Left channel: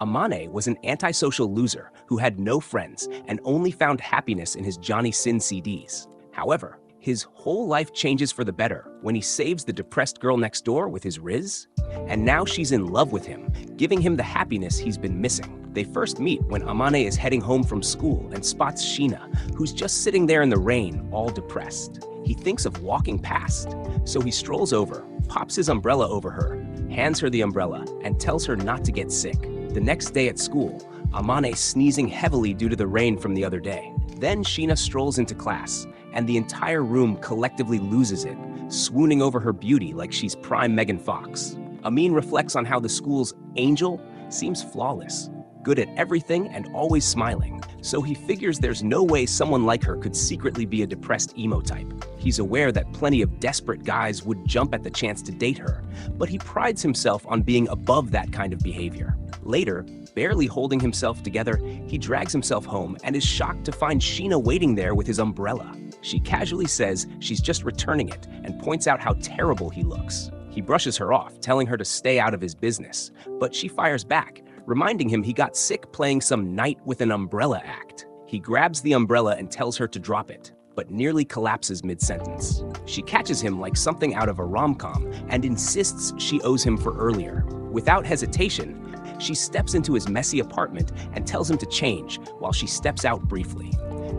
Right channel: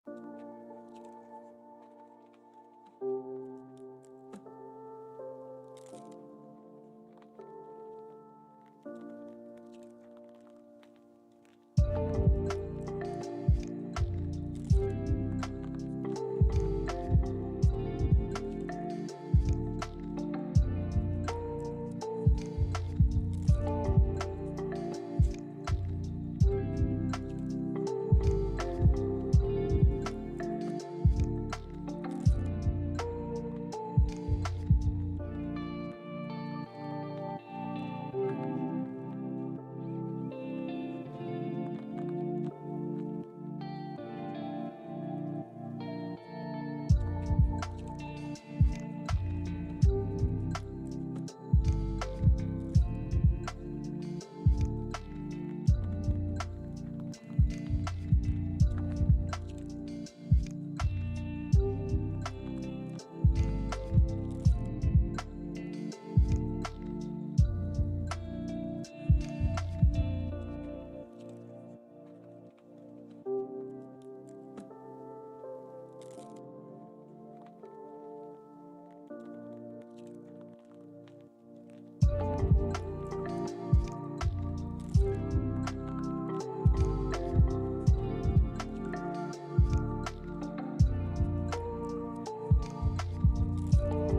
Amane was an antisocial loser who had no friends and only found happiness in his Johnny Sin CDs. However, his whole life changes for the better when he saves the depressed girl next door with his Riz. And now she's in love with him, giving him the happiness he's been missing. They first meet when Amane is heading home from school and spots Sheena, who's just sitting there in the rain, all depressed. He thinks of walking past, so he strolls over, pops his umbrella over her, hands her the umbrella, and tells her not to get sick. The next day at school, Amane sneezing heavily due to the rain from the other day. Then Sheena strolls into class, and the entire room collectively loses it, swooning over her beauty like she's prime Megan Fox. Amin reflects on how the school's Angel seems flawless, good at everything and always smiling, so he figures there's no way someone like her could secretly be a depressed emo type. He's aware that plenty of desperate guys would jump at the chance to date her, but he prides himself on being above that kind of behavior. Later, barely holding himself together, he drags himself home and is shocked to find Sheena waiting there with his umbrella. She casually says she's just returning it and points out how terrible he looks. He brushes her off, telling her to stay out of his business, but she fires back, reminding him he got sick playing some Knight with an Umbrella act. He grabs the umbrella and tells her to drop it, but nearly collapses mid-sentence. She catches him like something out of a rom-com and insists she owes him for earlier. Without hesitation, she steps into his messy apartment and tells him to change while she steps out briefly.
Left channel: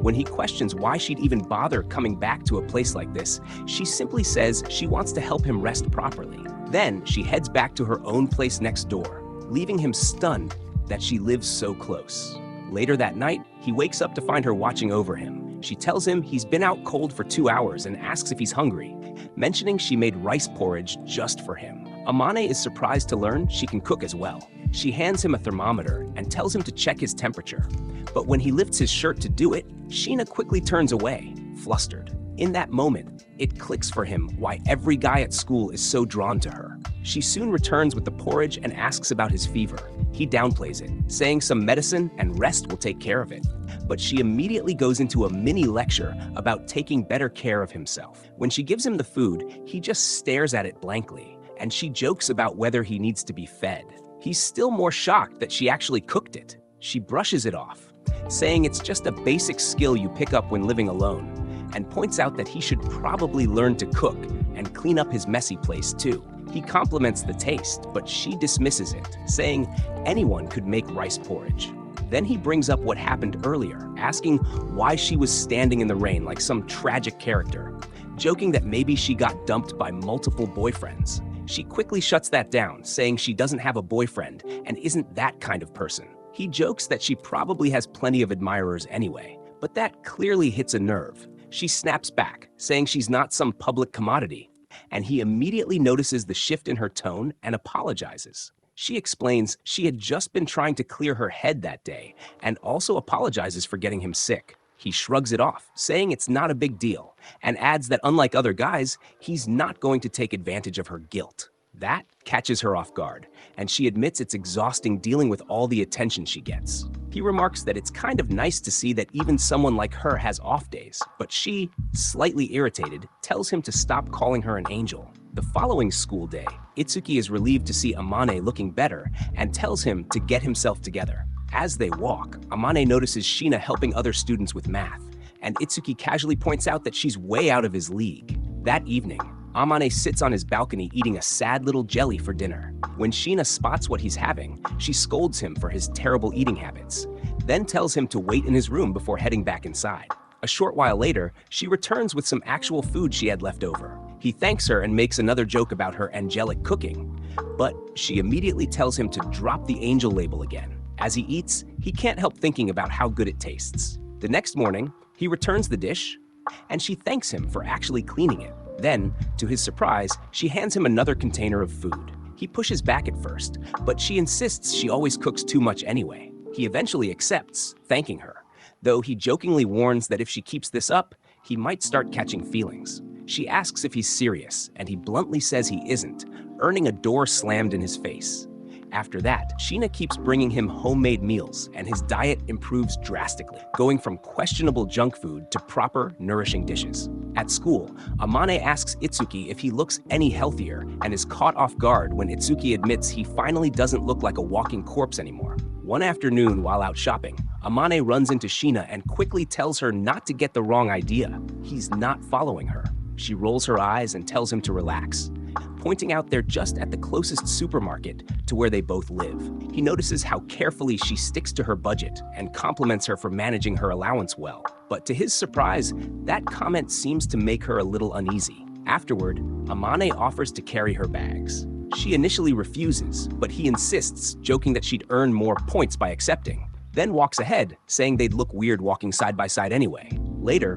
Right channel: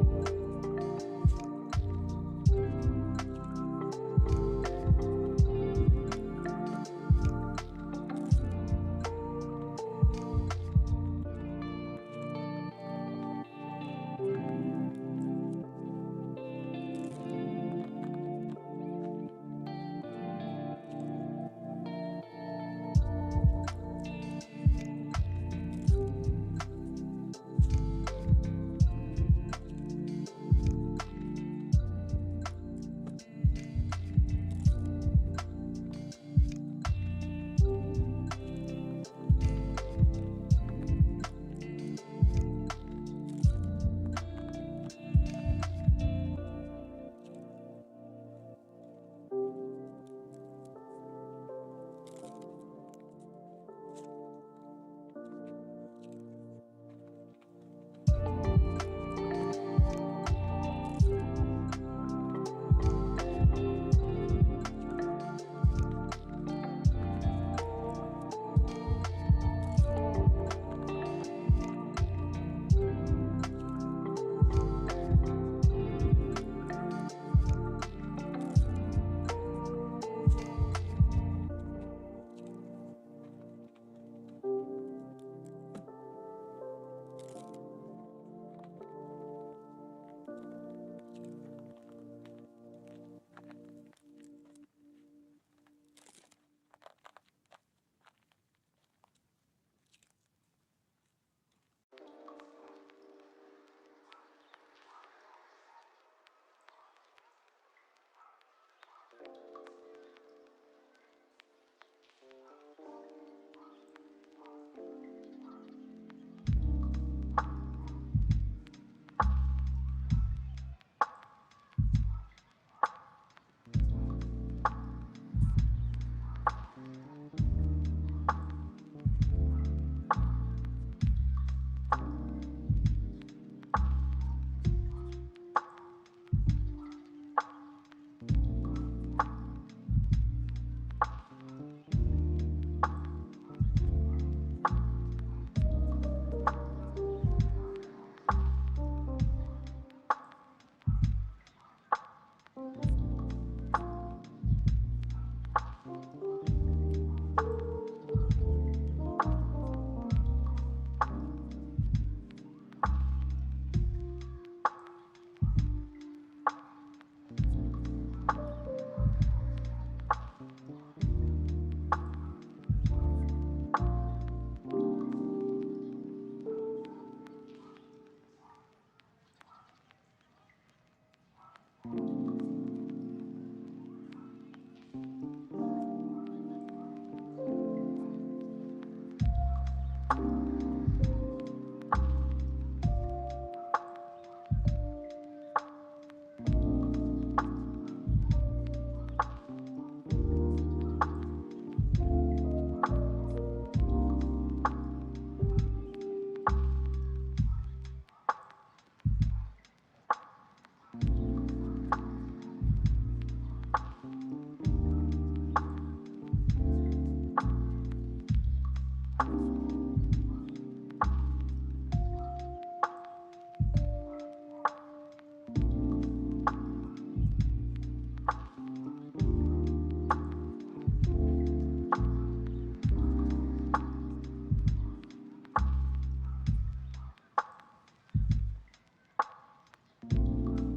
When he questions why she'd even bother coming back to a place like this, she simply says she wants to help him rest properly. Then she heads back to her own place next door, leaving him stunned that she lives so close. Later that night, he wakes up to find her watching over him. She tells him he's been out cold for 2 hours and asks if he's hungry, mentioning she made rice porridge just for him. Amane is surprised to learn she can cook as well. She hands him a thermometer and tells him to check his temperature. But when he lifts his shirt to do it, Sheena quickly turns away, flustered. In that moment, it clicks for him why every guy at school is so drawn to her. She soon returns with the porridge and asks about his fever. He downplays it, saying some medicine and rest will take care of it. But she immediately goes into a mini lecture about taking better care of himself. When she gives him the food, he just stares at it blankly, and she jokes about whether he needs to be fed. He's still more shocked that she actually cooked it. She brushes it off, saying it's just a basic skill you pick up when living alone, and points out that he should probably learn to cook and clean up his messy place too. He compliments the taste, but she dismisses it, saying anyone could make rice porridge. Then he brings up what happened earlier, asking why she was standing in the rain like some tragic character, joking that maybe she got dumped by multiple boyfriends. She quickly shuts that down, saying she doesn't have a boyfriend and isn't that kind of person. He jokes that she probably has plenty of admirers anyway, but that clearly hits a nerve. She snaps back, saying she's not some public commodity, and he immediately notices the shift in her tone and apologizes. She explains she had just been trying to clear her head that day and also apologizes for getting him sick. He shrugs it off, saying it's not a big deal, and adds that unlike other guys, he's not going to take advantage of her guilt. That catches her off guard, and she admits it's exhausting dealing with all the attention she gets. He remarks that it's kind of nice to see that even someone like her has off days, but she, slightly irritated, tells him to stop calling her an angel. The following school day, Itsuki is relieved to see Amane looking better and tells him to get himself together. As they walk, Amane notices Sheena helping other students with math, and Itsuki casually points out that she's way out of his league. That evening, Amane sits on his balcony eating a sad little jelly for dinner. When Sheena spots what he's having, she scolds him for his terrible eating habits, then tells him to wait in his room before heading back inside. A short while later, she returns with some actual food she had left over. He thanks her and makes another joke about her angelic cooking, but she immediately tells him to drop the angel label again. As he eats, he can't help thinking about how good it tastes. The next morning, he returns the dish, and she thanks him for actually cleaning it. Then, to his surprise, she hands him another container of food. He pushes back at first, but she insists she always cooks too much anyway. He eventually accepts, thanking her, though he jokingly warns that if she keeps this up, he might start catching feelings. She asks if he's serious, and he bluntly says he isn't, earning a door slammed in his face. After that, Sheena keeps bringing him homemade meals, and his diet improves drastically, going from questionable junk food to proper, nourishing dishes. At school, Amane asks Itsuki if he looks any healthier and is caught off guard when Itsuki admits he finally doesn't look like a walking corpse anymore. One afternoon, while out shopping, Amane runs into Sheena and quickly tells her not to get the wrong idea. He's not following her. She rolls her eyes and tells him to relax, pointing out they're just at the closest supermarket to where they both live. He notices how carefully she sticks to her budget and compliments her for managing her allowance well. But to his surprise, that comment seems to make her a little uneasy. Afterward, Amane offers to carry her bags. She initially refuses, but he insists, joking that she'd earn more points by accepting, then walks ahead, saying they'd look weird walking side by side anyway. Later,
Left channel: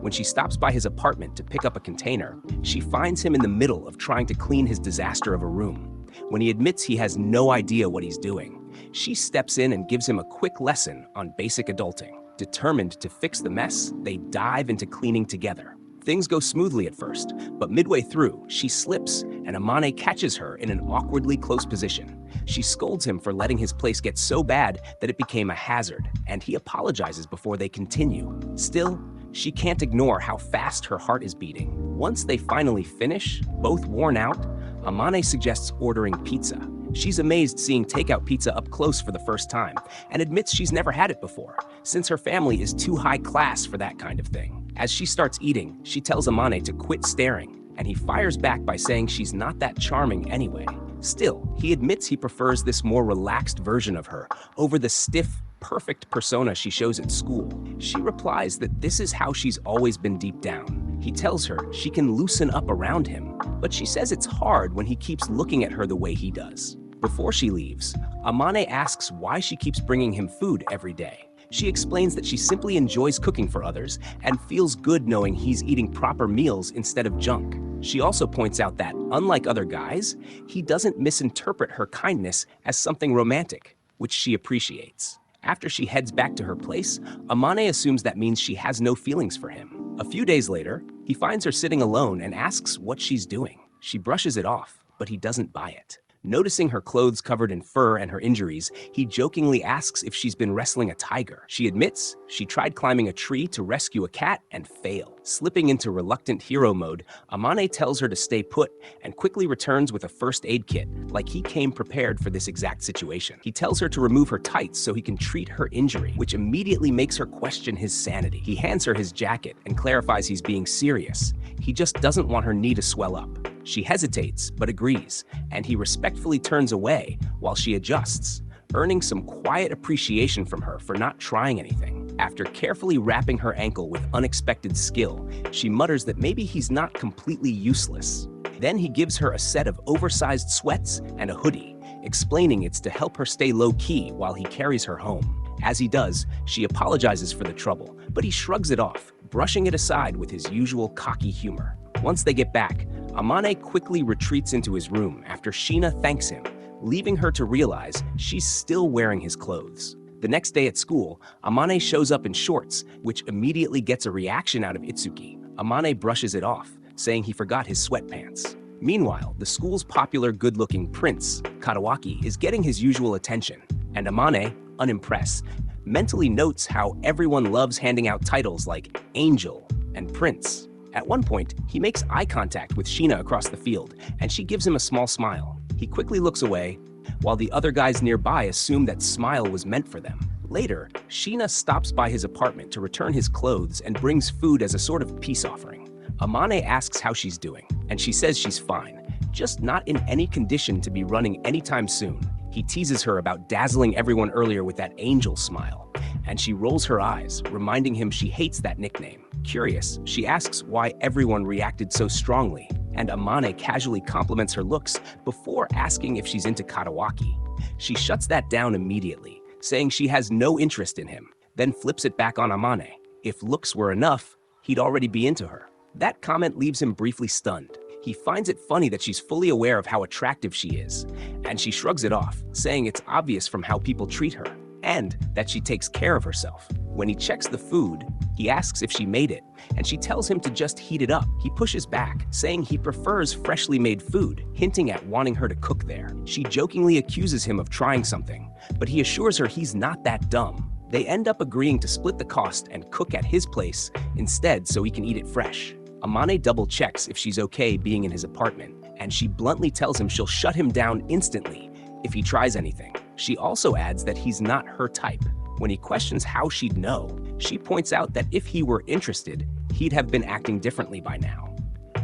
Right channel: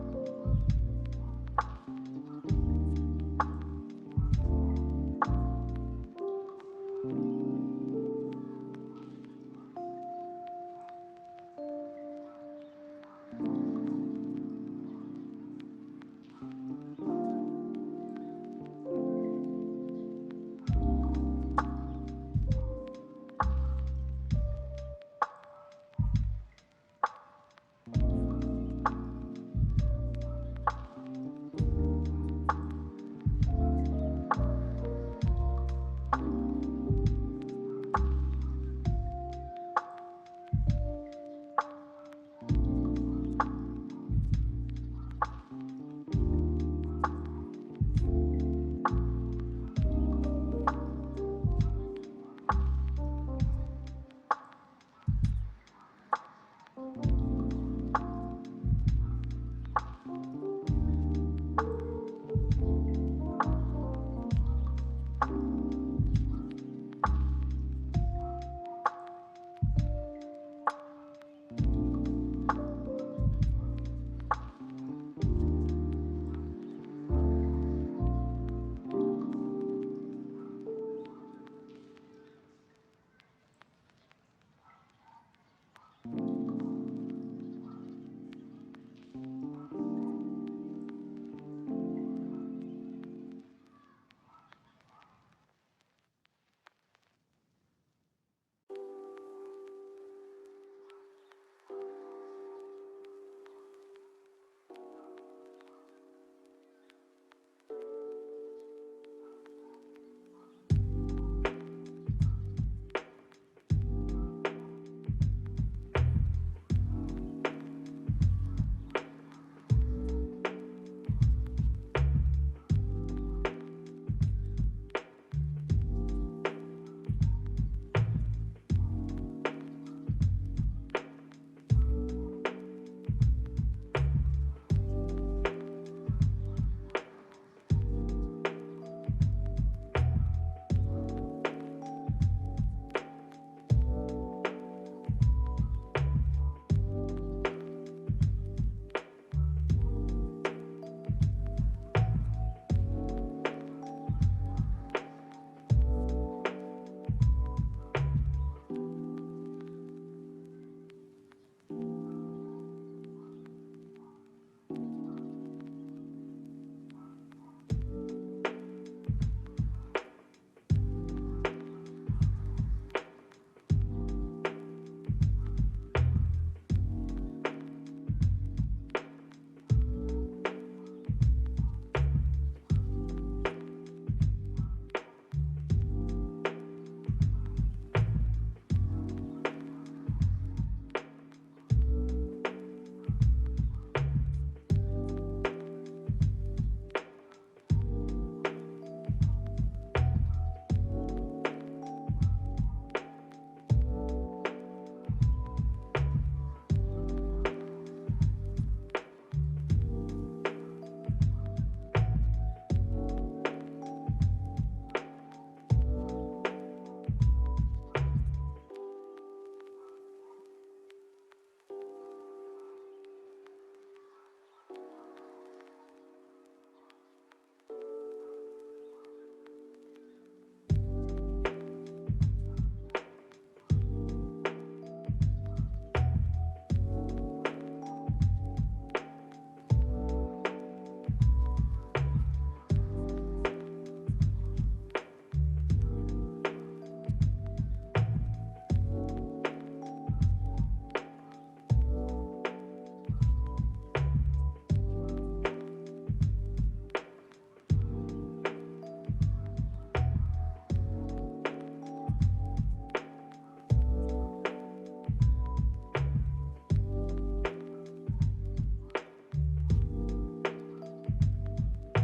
when she stops by his apartment to pick up a container, she finds him in the middle of trying to clean his disaster of a room. When he admits he has no idea what he's doing, she steps in and gives him a quick lesson on basic adulting. Determined to fix the mess, they dive into cleaning together. Things go smoothly at first, but midway through, she slips and Amane catches her in an awkwardly close position. She scolds him for letting his place get so bad that it became a hazard, and he apologizes before they continue. Still, she can't ignore how fast her heart is beating. Once they finally finish, both worn out, Amane suggests ordering pizza. She's amazed seeing takeout pizza up close for the first time, and admits she's never had it before, since her family is too high class for that kind of thing. As she starts eating, she tells Amane to quit staring, and he fires back by saying she's not that charming anyway. Still, he admits he prefers this more relaxed version of her over the stiff, perfect persona she shows at school. She replies that this is how she's always been deep down. He tells her she can loosen up around him, but she says it's hard when he keeps looking at her the way he does. Before she leaves, Amane asks why she keeps bringing him food every day. She explains that she simply enjoys cooking for others and feels good knowing he's eating proper meals instead of junk. She also points out that, unlike other guys, he doesn't misinterpret her kindness as something romantic, which she appreciates. After she heads back to her place, Amane assumes that means she has no feelings for him. A few days later, he finds her sitting alone and asks what she's doing. She brushes it off, but he doesn't buy it. Noticing her clothes covered in fur and her injuries, he jokingly asks if she's been wrestling a tiger. She admits she tried climbing a tree to rescue a cat and failed. Slipping into reluctant hero mode, Amane tells her to stay put and quickly returns with a first aid kit, like he came prepared for this exact situation. He tells her to remove her tights so he can treat her injury, which immediately makes her question his sanity. He hands her his jacket and clarifies he's being serious. He just doesn't want her knee to swell up. She hesitates, but agrees, and he respectfully turns away while she adjusts, earning some quiet appreciation from her for not trying anything. After carefully wrapping her ankle with unexpected skill, she mutters that maybe he's not completely useless. Then he gives her a set of oversized sweats and a hoodie, explaining it's to help her stay low-key while he carries her home. As he does, she apologizes for the trouble, but he shrugs it off, brushing it aside with his usual cocky humor. Once they get back, Amane quickly retreats into his room after Sheena thanks him, leaving her to realize she's still wearing his clothes. The next day at school, Amane shows up in shorts, which immediately gets a reaction out of Itsuki. Amane brushes it off, saying he forgot his sweatpants. Meanwhile, the school's popular good-looking prince, Katawaki, is getting his usual attention, and Amane, unimpressed, mentally notes how everyone loves handing out titles like Angel and Prince. At one point, he makes eye contact with Sheena across the field, and she gives him a small smile. He quickly looks away, while the other guys nearby assume that smile was meant for them. Later, Sheena stops by his apartment to return his clothes and brings food as a sort of peace offering. Amane asks how she's doing, and she says she's fine, just not in any condition to be running anytime soon. He teases her about dazzling everyone earlier with that angel smile, and she rolls her eyes, reminding him she hates that nickname. Curious, she asks why everyone reacted so strongly, and Amane casually compliments her looks before asking if she's into Katawaki. She shuts that down immediately, saying she has no interest in him, then flips it back on Amane. If looks were enough, he'd already be into her. That comment leaves him briefly stunned. He finds it funny that she's fully aware of how attractive she is, and she shrugs it off, saying it's obvious from how people treat her, and that she takes care of herself. When he checks the food, he asks if she made it, and she tells him to just heat it up. He pushes back, saying he prefers freshly made food, hinting at wanting her to cook there. She jokingly accuses him of trying something, but he assures her he's not that dumb. They end up agreeing to split the cost and cook at his place instead so he can eat it fresh. Amane double-checks if she's okay being in his apartment, and she bluntly tells him she'll shut him down instantly if he tries anything. She also adds that he's not her type. When he questions how she'd know, she points out that if he were interested, he'd have been acting differently by now.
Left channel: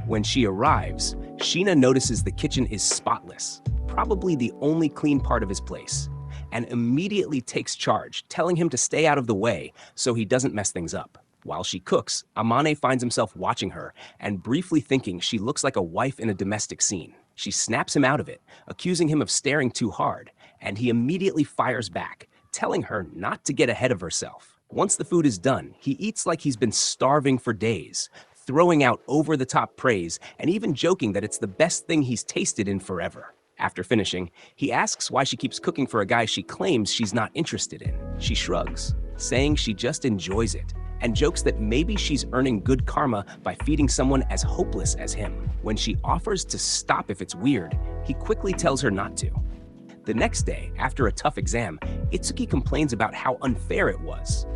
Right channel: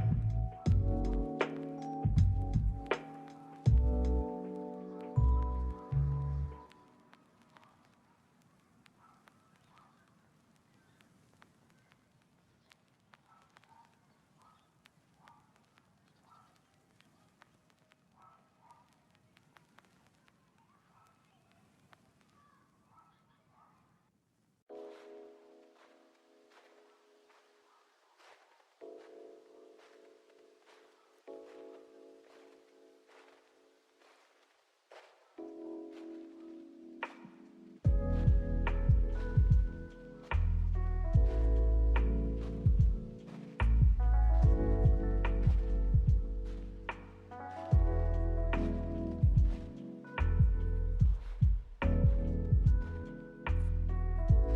When she arrives, Sheena notices the kitchen is spotless, probably the only clean part of his place, and immediately takes charge, telling him to stay out of the way so he doesn't mess things up. While she cooks, Amane finds himself watching her and briefly thinking she looks like a wife in a domestic scene. She snaps him out of it, accusing him of staring too hard, and he immediately fires back, telling her not to get ahead of herself. Once the food is done, he eats like he's been starving for days, throwing out over-the-top praise and even joking that it's the best thing he's tasted in forever. After finishing, he asks why she keeps cooking for a guy she claims she's not interested in. She shrugs, saying she just enjoys it, and jokes that maybe she's earning good karma by feeding someone as hopeless as him. When she offers to stop if it's weird, he quickly tells her not to. The next day, after a tough exam, Itsuki complains about how unfair it was.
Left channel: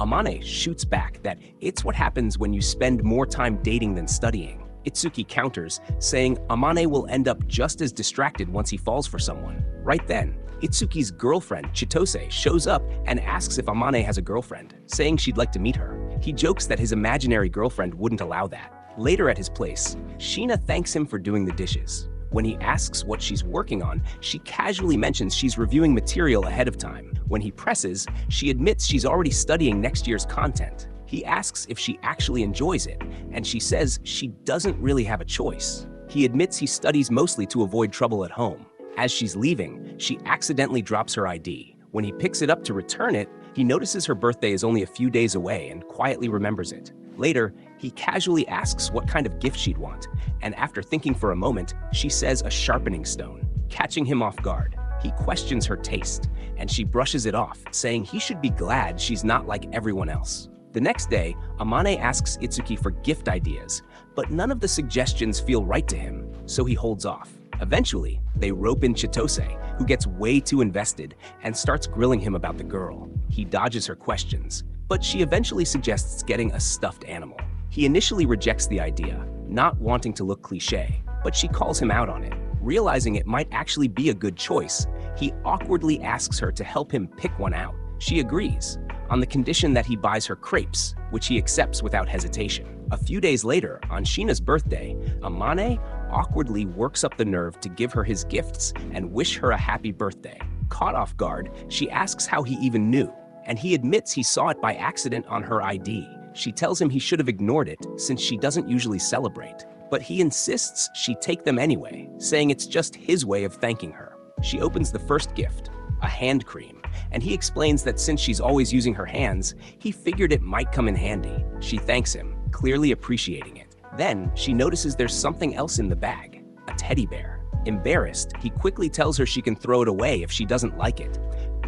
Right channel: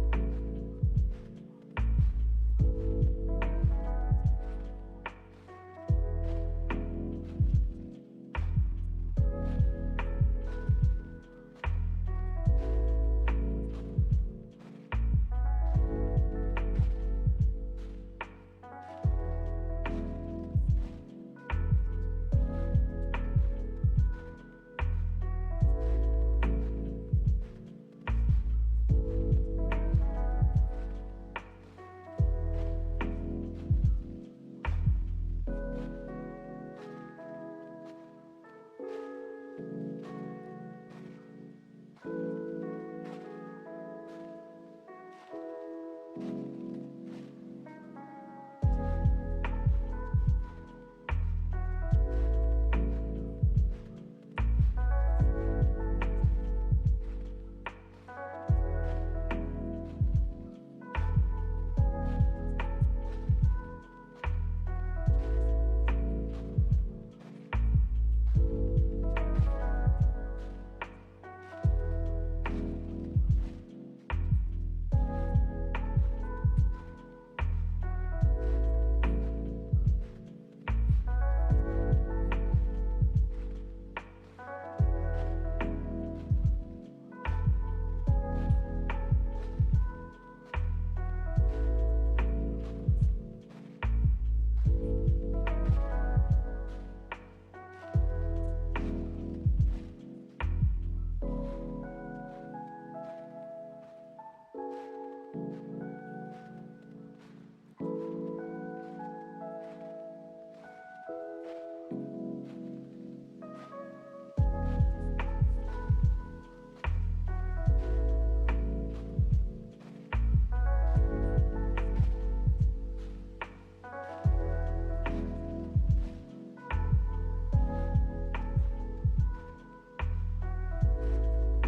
Amane shoots back that it's what happens when you spend more time dating than studying. Itsuki counters, saying Amane will end up just as distracted once he falls for someone. Right then, Itsuki's girlfriend, Chitose, shows up and asks if Amane has a girlfriend, saying she'd like to meet her. He jokes that his imaginary girlfriend wouldn't allow that. Later at his place, Sheena thanks him for doing the dishes. When he asks what she's working on, she casually mentions she's reviewing material ahead of time. When he presses, she admits she's already studying next year's content. He asks if she actually enjoys it, and she says she doesn't really have a choice. He admits he studies mostly to avoid trouble at home. As she's leaving, she accidentally drops her ID. When he picks it up to return it, he notices her birthday is only a few days away and quietly remembers it. Later, he casually asks what kind of gift she'd want, and after thinking for a moment, she says a sharpening stone, catching him off guard. He questions her taste, and she brushes it off, saying he should be glad she's not like everyone else. The next day, Amane asks Itsuki for gift ideas, but none of the suggestions feel right to him, so he holds off. Eventually, they rope in Chitose, who gets way too invested and starts grilling him about the girl. He dodges her questions, but she eventually suggests getting a stuffed animal. He initially rejects the idea, not wanting to look cliché, but she calls him out on it. Realizing it might actually be a good choice, he awkwardly asks her to help him pick one out. She agrees, on the condition that he buys her crepes, which he accepts without hesitation. A few days later, on Sheena's birthday, Amane awkwardly works up the nerve to give her his gifts and wish her a happy birthday. Caught off guard, she asks how he even knew, and he admits he saw it by accident on her ID. She tells him he should have ignored it since she doesn't usually celebrate, but he insists she take them anyway, saying it's just his way of thanking her. She opens the first gift, a hand cream, and he explains that since she's always using her hands, he figured it might come in handy. She thanks him, clearly appreciating it. Then, she notices there's something else in the bag, a teddy bear. Embarrassed, he quickly tells her she can throw it away if she doesn't like it,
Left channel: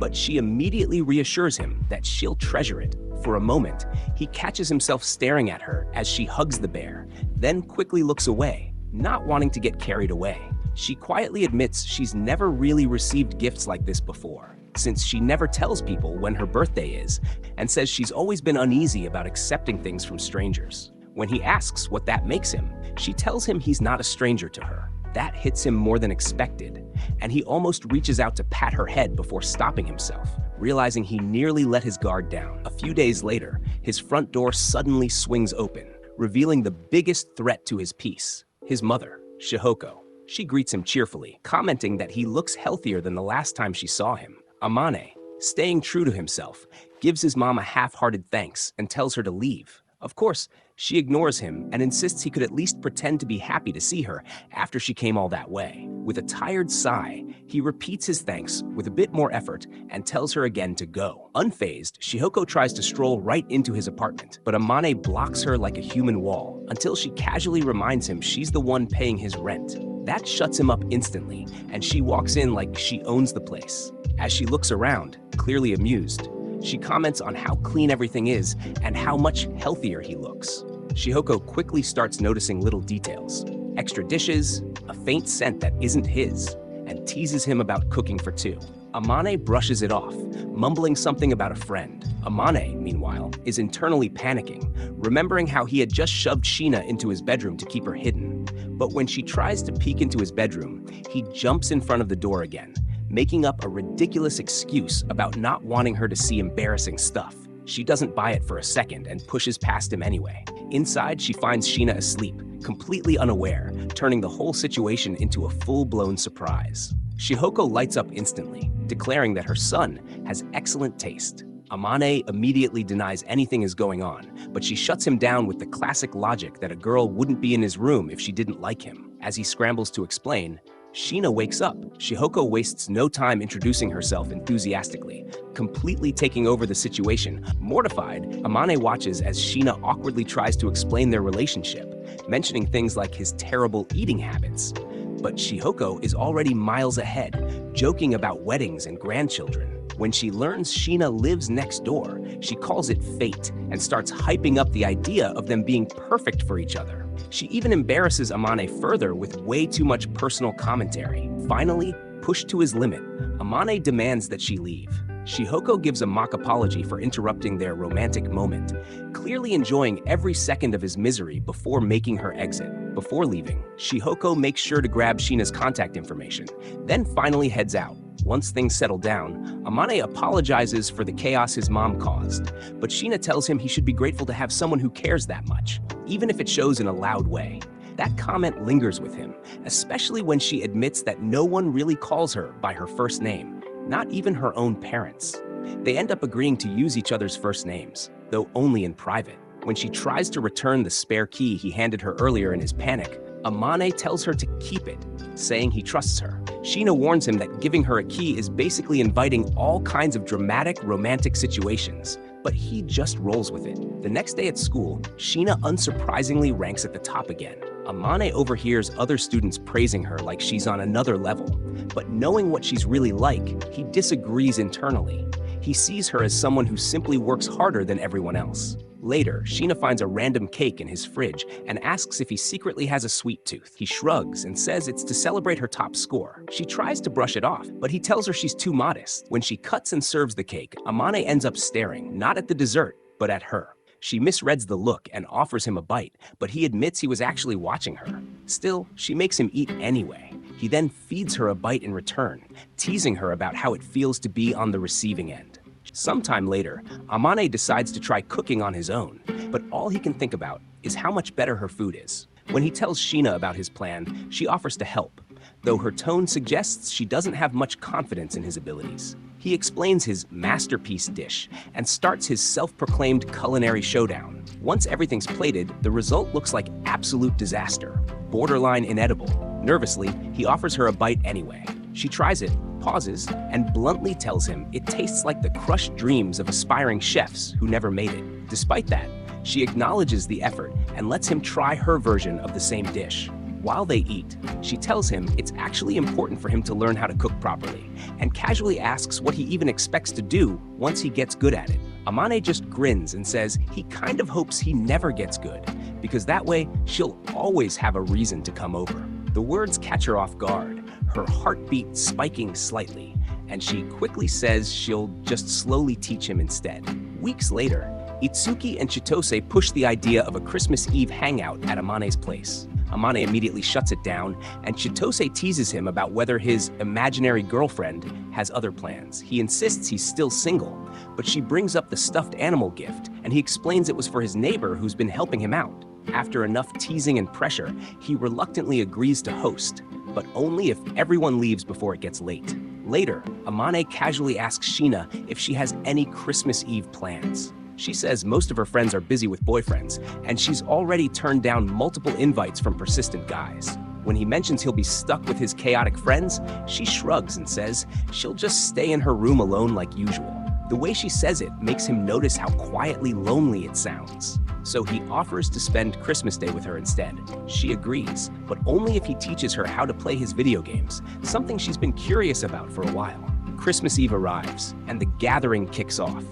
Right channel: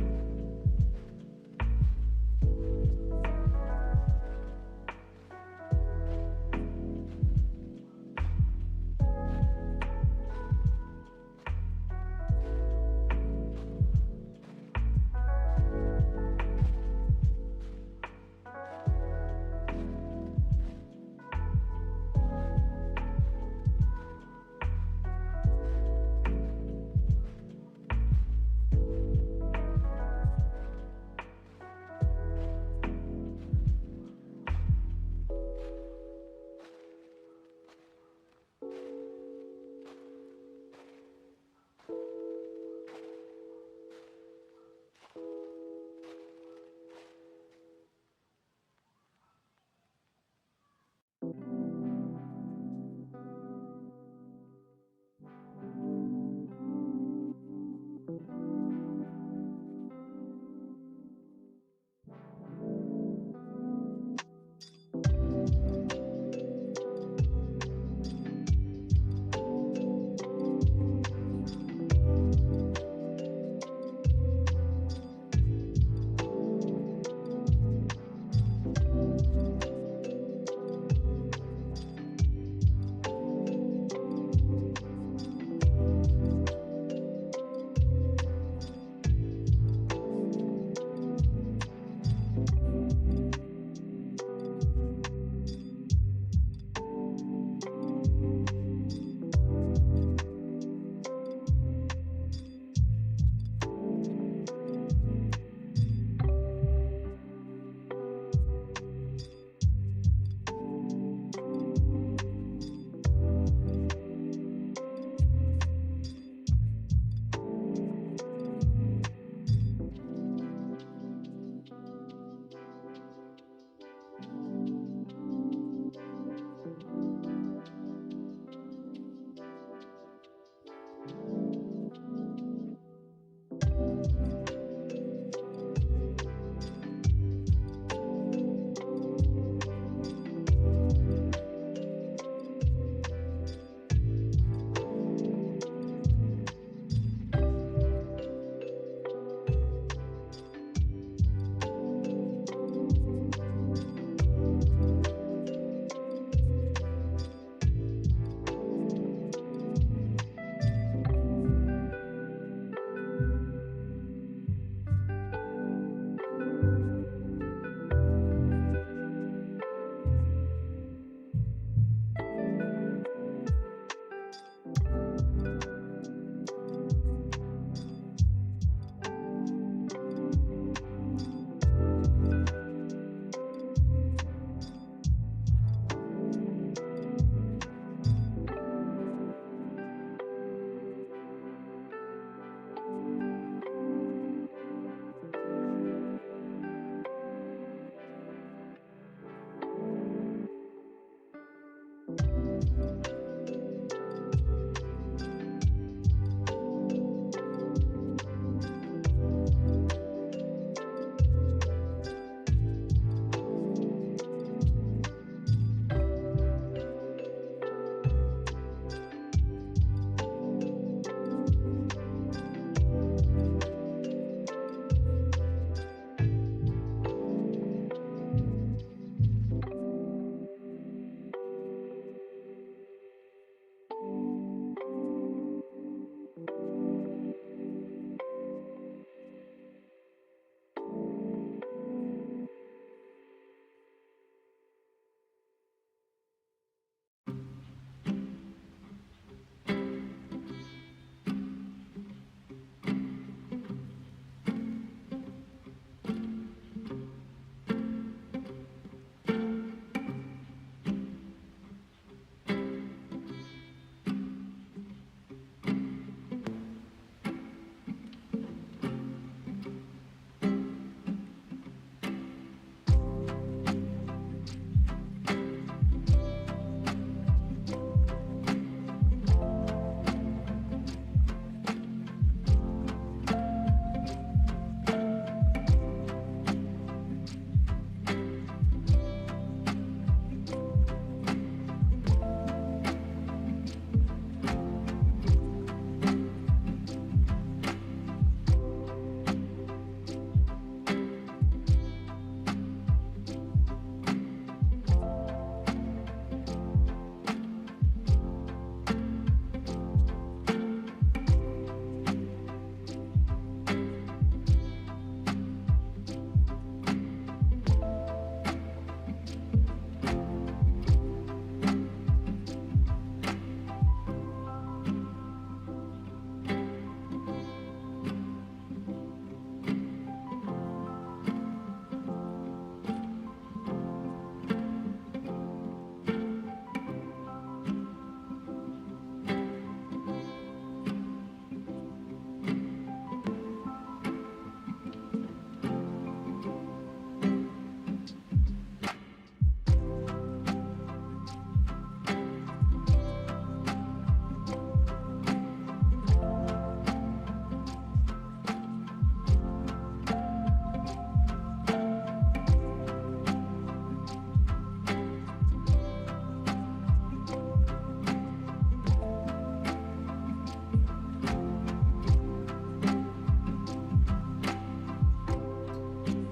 but she immediately reassures him that she'll treasure it. For a moment, he catches himself staring at her as she hugs the bear, then quickly looks away, not wanting to get carried away. She quietly admits she's never really received gifts like this before, since she never tells people when her birthday is, and says she's always been uneasy about accepting things from strangers. When he asks what that makes him, she tells him he's not a stranger to her. That hits him more than expected, and he almost reaches out to pat her head before stopping himself, realizing he nearly let his guard down. A few days later, his front door suddenly swings open, revealing the biggest threat to his peace, his mother, Shihoko. She greets him cheerfully, commenting that he looks healthier than the last time she saw him. Amane, staying true to himself, gives his mom a half-hearted thanks and tells her to leave. Of course, she ignores him and insists he could at least pretend to be happy to see her after she came all that way. With a tired sigh, he repeats his thanks with a bit more effort and tells her again to go. Unfazed, Shihoko tries to stroll right into his apartment, but Amane blocks her like a human wall until she casually reminds him she's the one paying his rent. That shuts him up instantly, and she walks in like she owns the place. As she looks around, clearly amused, she comments on how clean everything is and how much healthier he looks. Shihoko quickly starts noticing little details. Extra dishes, a faint scent that isn't his, and teases him about cooking for two. Amane brushes it off, mumbling something about a friend. Amane, meanwhile, is internally panicking, remembering how he had just shoved Sheena into his bedroom to keep her hidden. But when she tries to peek into his bedroom, he jumps in front of the door again, making up a ridiculous excuse about not wanting her to see embarrassing stuff. She doesn't buy it for a second and pushes past him anyway. Inside, she finds Sheena asleep, completely unaware, turning the whole situation into a full-blown surprise. Shihoko lights up instantly, declaring that her son has excellent taste. Amane immediately denies anything is going on, but she shuts him down with the classic logic that a girl wouldn't be in his room if she didn't like him. As he scrambles to explain, Sheena wakes up. Shihoko wastes no time introducing herself enthusiastically, completely taking over the situation. Mortified, Amane watches as Sheena awkwardly tries to explain their relationship, mentioning things like his terrible eating habits. But Shihoko is already miles ahead, joking about weddings and grandchildren. When she learns Sheena lives next door, she calls it fate and starts hyping up the idea of them being perfect for each other. She even embarrasses Amane further with way too much personal commentary. Finally, pushed to his limit, Amane demands that she leave. Shihoko gives a mock apology for interrupting their romantic moment, clearly enjoying every second of his misery before making her exit. Before leaving, Shihoko makes sure to grab Sheena's contact information, then finally heads out. Once things settle down, Amane apologizes for the chaos his mom caused, but Sheena tells him he should be grateful to have someone who cares that much, even if it shows in a loud way. That comment lingers with him, especially when she admits that no one really calls her by her first name, not even her own parents. They end up agreeing to use each other's first names, though only in private. When she tries to return the spare key he handed her earlier in his panic, Amane tells her to keep it, saying he trusts her. Sheena warns him that giving her a key is basically inviting all kinds of dramatic, romantic situations, but he just rolls with it. The next day at school, Sheena unsurprisingly ranks at the top again. Amane overhears other students praising her like she's on another level, but knowing what she's really like, he disagrees internally. He sees her as someone who simply works harder than everyone else. Later, Sheena finds a random cake in his fridge and asks if he secretly has a sweet tooth. He shrugs and says it's to celebrate her top score. She tries to brush it off, but he tells her she's too modest. When she cuts and serves the cake, Amane ends up staring, not at the dessert, but at her. She misreads the look and offers him a bite, but he admits he was actually watching her. Still, she makes him eat anyway. He then feeds her a bite in return, teasing her about how it feels to be on the receiving end. Sometime later, Amane decides to try cooking on his own, but all he can think about is how much better her food is. When he tells Sheena about his plan, she offers to help, though her tone suggests she doesn't have much confidence in his abilities. He explains his masterpiece dish and starts his self-proclaimed culinary showdown. Once everything's plated, the result looks like absolute disaster, borderline inedible. Nervously, he offers her a bite anyway. She tries it, pauses, and bluntly tells him it tastes like the crushed dreams of aspiring chefs who never made it. Despite that, she acknowledges the effort and lets him try her version of the same dish. While they eat, she tells him it's actually important for him to learn how to cook properly, and casually asks what he even expects to do once he gets good at it. Amane just grins and says he kind of hopes he never gets good, because that way she'll always have a reason to come over. The words catch her off guard, her heartbeat spiking slightly, and she quickly says she'll just slowly teach him instead. Weeks later, Itsuki and Chitose push the idea of a Christmas Eve hangout at Amane's place. Amane immediately shuts it down, and Chitose teases him about whether his imaginary girlfriend has other plans. He insists he's still single, but she brings up the stuffed animal gift, and he explains it was for his neighbor who's been helping him out. After enough teasing and pressure, he reluctantly agrees to host, but only if everyone leaves before it gets late. Later, Amane casually asks Sheena if she has any Christmas Eve plans. She says most of her friends are busy with boyfriends, and she's already turned down multiple invites from persistent guys. When he mentions he'll be stuck with his chaotic friends, she shrugs and says she'll just stay in her room alone like usual. The way she says it makes him notice how quietly lonely it sounds. So he offers to spend Christmas Day with her instead. She agrees, but only if he teaches her how to play his video games, something she's been curious about for a while. Christmas Eve arrives, and the gathering kicks off.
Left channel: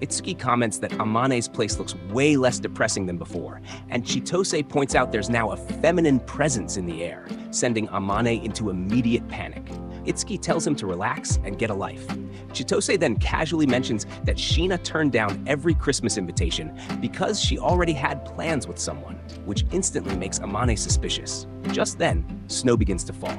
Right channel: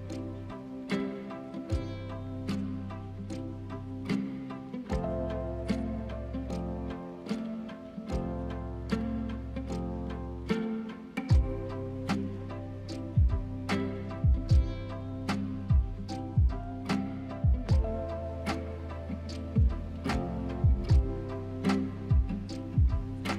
Itsuki comments that Amane's place looks way less depressing than before, and Chitose points out there's now a feminine presence in the air, sending Amane into immediate panic. Itsuki tells him to relax and get a life. Chitose then casually mentions that Sheena turned down every Christmas invitation because she already had plans with someone, which instantly makes Amane suspicious. Just then, snow begins to fall.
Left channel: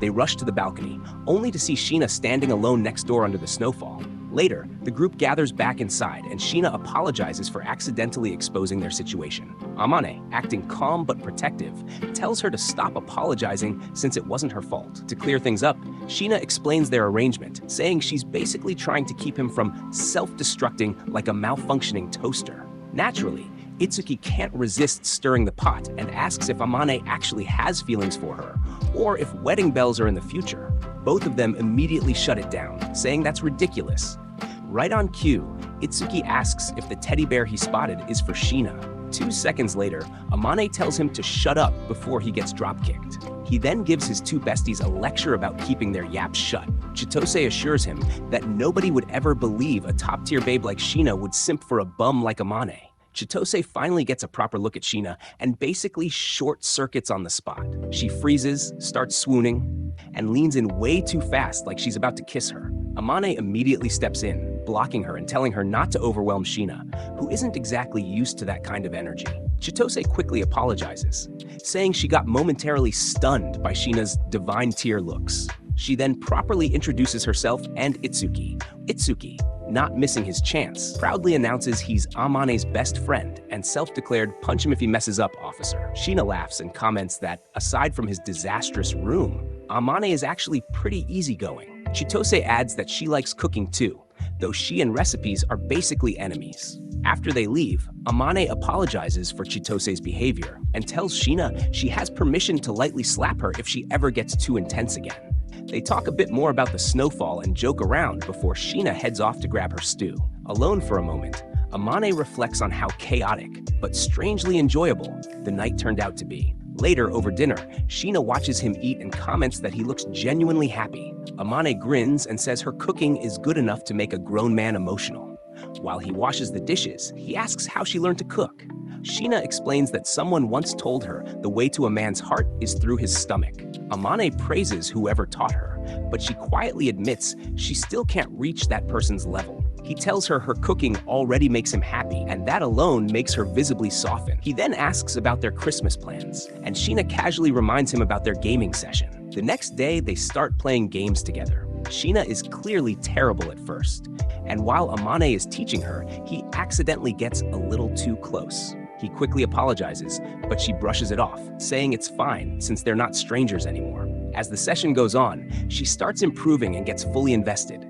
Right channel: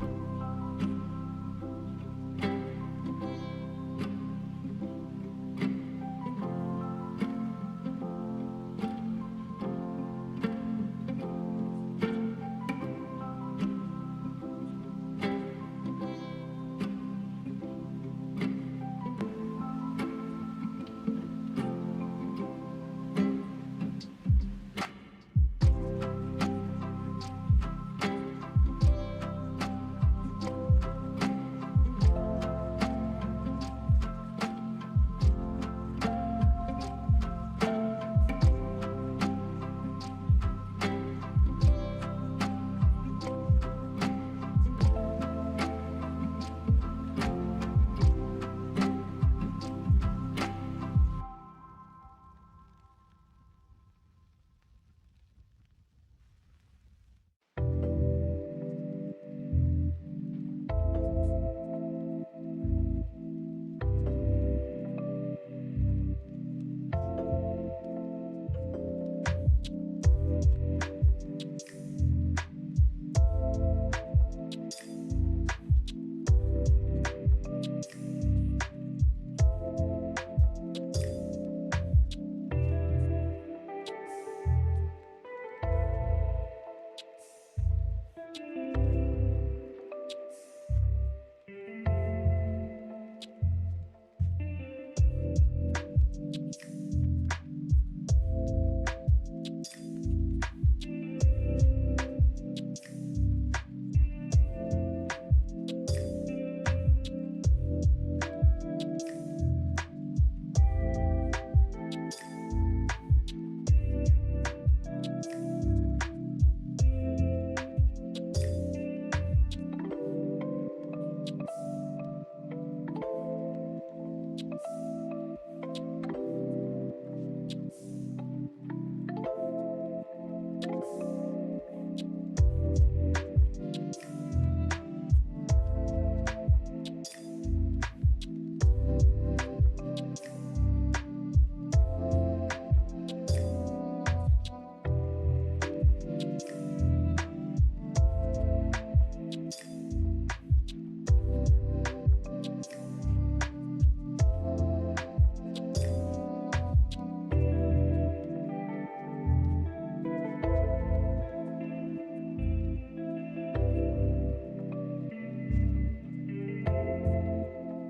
They rush to the balcony, only to see Sheena standing alone next door under the snowfall. Later, the group gathers back inside, and Sheena apologizes for accidentally exposing their situation. Amane, acting calm but protective, tells her to stop apologizing since it wasn't her fault. To clear things up, Sheena explains their arrangement, saying she's basically trying to keep him from self-destructing like a malfunctioning toaster. Naturally, Itsuki can't resist stirring the pot and asks if Amane actually has feelings for her, or if wedding bells are in the future. Both of them immediately shut it down, saying that's ridiculous. Right on cue, Itsuki asks if the teddy bear he spotted is for Sheena. 2 seconds later, Amane tells him to shut up before he gets drop-kicked. He then gives his 2 besties a lecture about keeping their yaps shut. Chitose assures him that nobody would ever believe a top-tier babe like Sheena would simp for a bum like Amane. Chitose finally gets a proper look at Sheena and basically short-circuits on the spot. She freezes, starts swooning, and leans in way too fast like she's about to kiss her. Amane immediately steps in, blocking her and telling her not to overwhelm Sheena, who isn't exactly used to that kind of energy. Chitose quickly apologizes, saying she got momentarily stunned by Sheena's divine tier looks. She then properly introduces herself and Itsuki. Itsuki, not missing his chance, proudly announces he's Amane's best friend and self-declared punch him if he messes up officer. Sheena laughs and comments that, aside from his disastrous room, Amane is actually pretty easygoing. Chitose adds that she likes cooking too, though she and recipes are basically enemies. After they leave, Amane apologizes for Chitose's behavior and tells Sheena she has permission to lightly slap her if she ever gets too intense again. They talk a bit more about the snowfall and joke around before Sheena heads off to grab her stew. Alone for a moment, Amane reflects on how chaotic, but strangely enjoyable, the night turned out to be. Later, over dinner, Sheena watches him eat and comments that he looks genuinely happy. Amane grins and says her cooking is good enough to make a grown man emotional. While he washes the dishes, he asks how she learned to cook. Sheena explains that someone once told her the way to a man's heart is through his stomach. Amane praises whoever taught her, but she quietly admits she still can't reach that person's level. He tells her her cooking already makes him happy, and that alone makes her visibly soften. He then asks about their Christmas plans, and Sheena casually reminds him about their gaming session. The next day, they start playing games together. Sheena is clearly terrible at first, and while Amane is teaching her, he accidentally gets a little too close. He quickly apologizes, but she brushes it off, saying it's fine since they're not strangers anymore. As the session goes on, she starts improving and gets fully invested,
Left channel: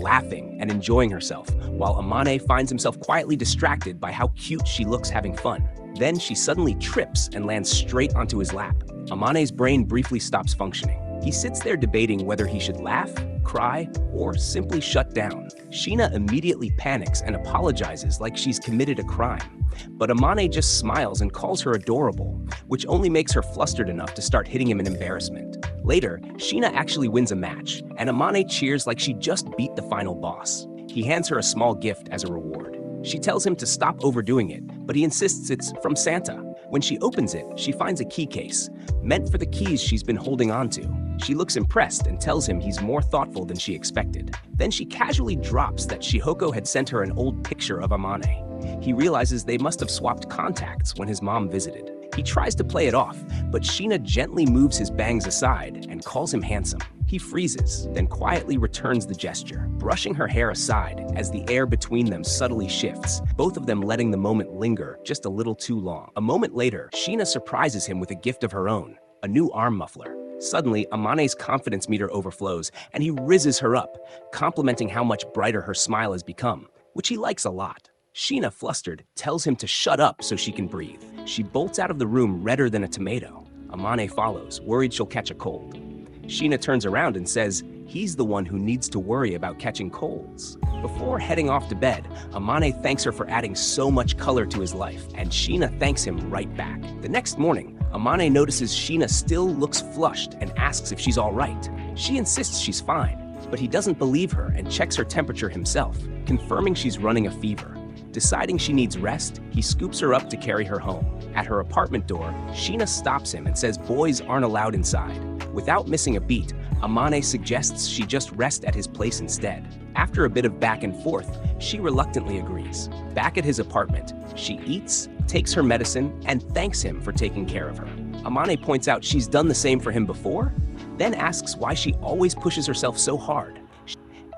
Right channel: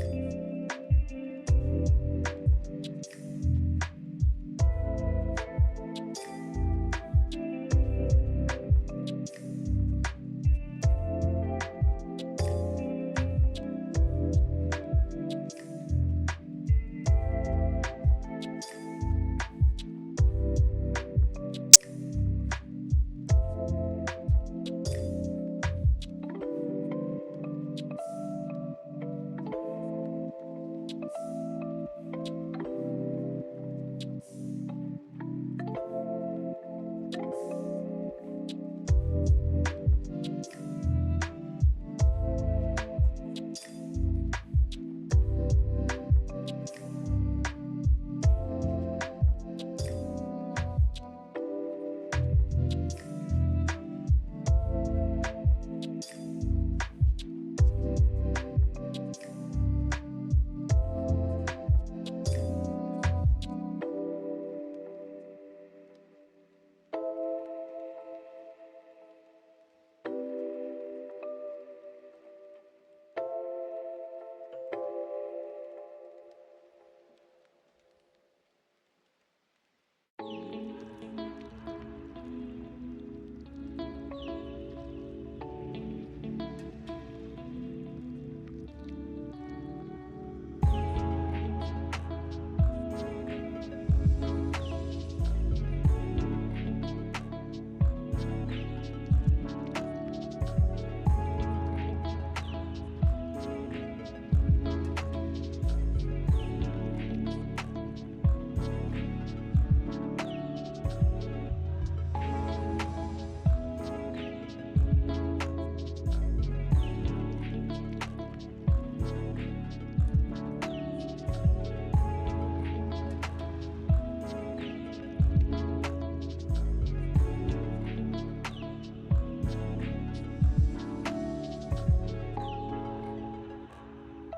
laughing and enjoying herself, while Amane finds himself quietly distracted by how cute she looks having fun. Then she suddenly trips and lands straight onto his lap. Amane's brain briefly stops functioning. He sits there debating whether he should laugh, cry, or simply shut down. Sheena immediately panics and apologizes like she's committed a crime. But Amane just smiles and calls her adorable, which only makes her flustered enough to start hitting him in embarrassment. Later, Sheena actually wins a match, and Amane cheers like she just beat the final boss. He hands her a small gift as a reward. She tells him to stop overdoing it, but he insists it's from Santa. When she opens it, she finds a key case, meant for the keys she's been holding on to. She looks impressed and tells him he's more thoughtful than she expected. Then she casually drops that Shihoko had sent her an old picture of Amane. He realizes they must have swapped contacts when his mom visited. He tries to play it off, but Sheena gently moves his bangs aside and calls him handsome. He freezes, then quietly returns the gesture, brushing her hair aside as the air between them subtly shifts, both of them letting the moment linger just a little too long. A moment later, Sheena surprises him with a gift of her own, a new arm muffler. Suddenly, Amane's confidence meter overflows, and he rizzes her up, complimenting how much brighter her smile has become, which he likes a lot. Sheena, flustered, tells him to shut up so she can breathe. She bolts out of the room redder than a tomato. Amane follows, worried she'll catch a cold. Sheena turns around and says he's the one who needs to worry about catching colds. Before heading off to bed, Amane thanks her for adding so much color to his life, and Sheena thanks him right back. The next morning, Amane notices Sheena still looks flushed and asks if she's all right. She insists she's fine, But he doesn't believe her and checks her temperature himself, confirming she's running a fever. Deciding she needs rest, he scoops her up to carry her home. At her apartment door, Sheena stops him and says boys aren't allowed inside. Without missing a beat, Amane suggests she just rest at his place instead. After a bit of back and forth, she reluctantly agrees. Back at his apartment, she eats, takes her medicine, and thanks him for taking care of her. Amane points out she's done the same for him before, then asks why she always pushes herself so hard.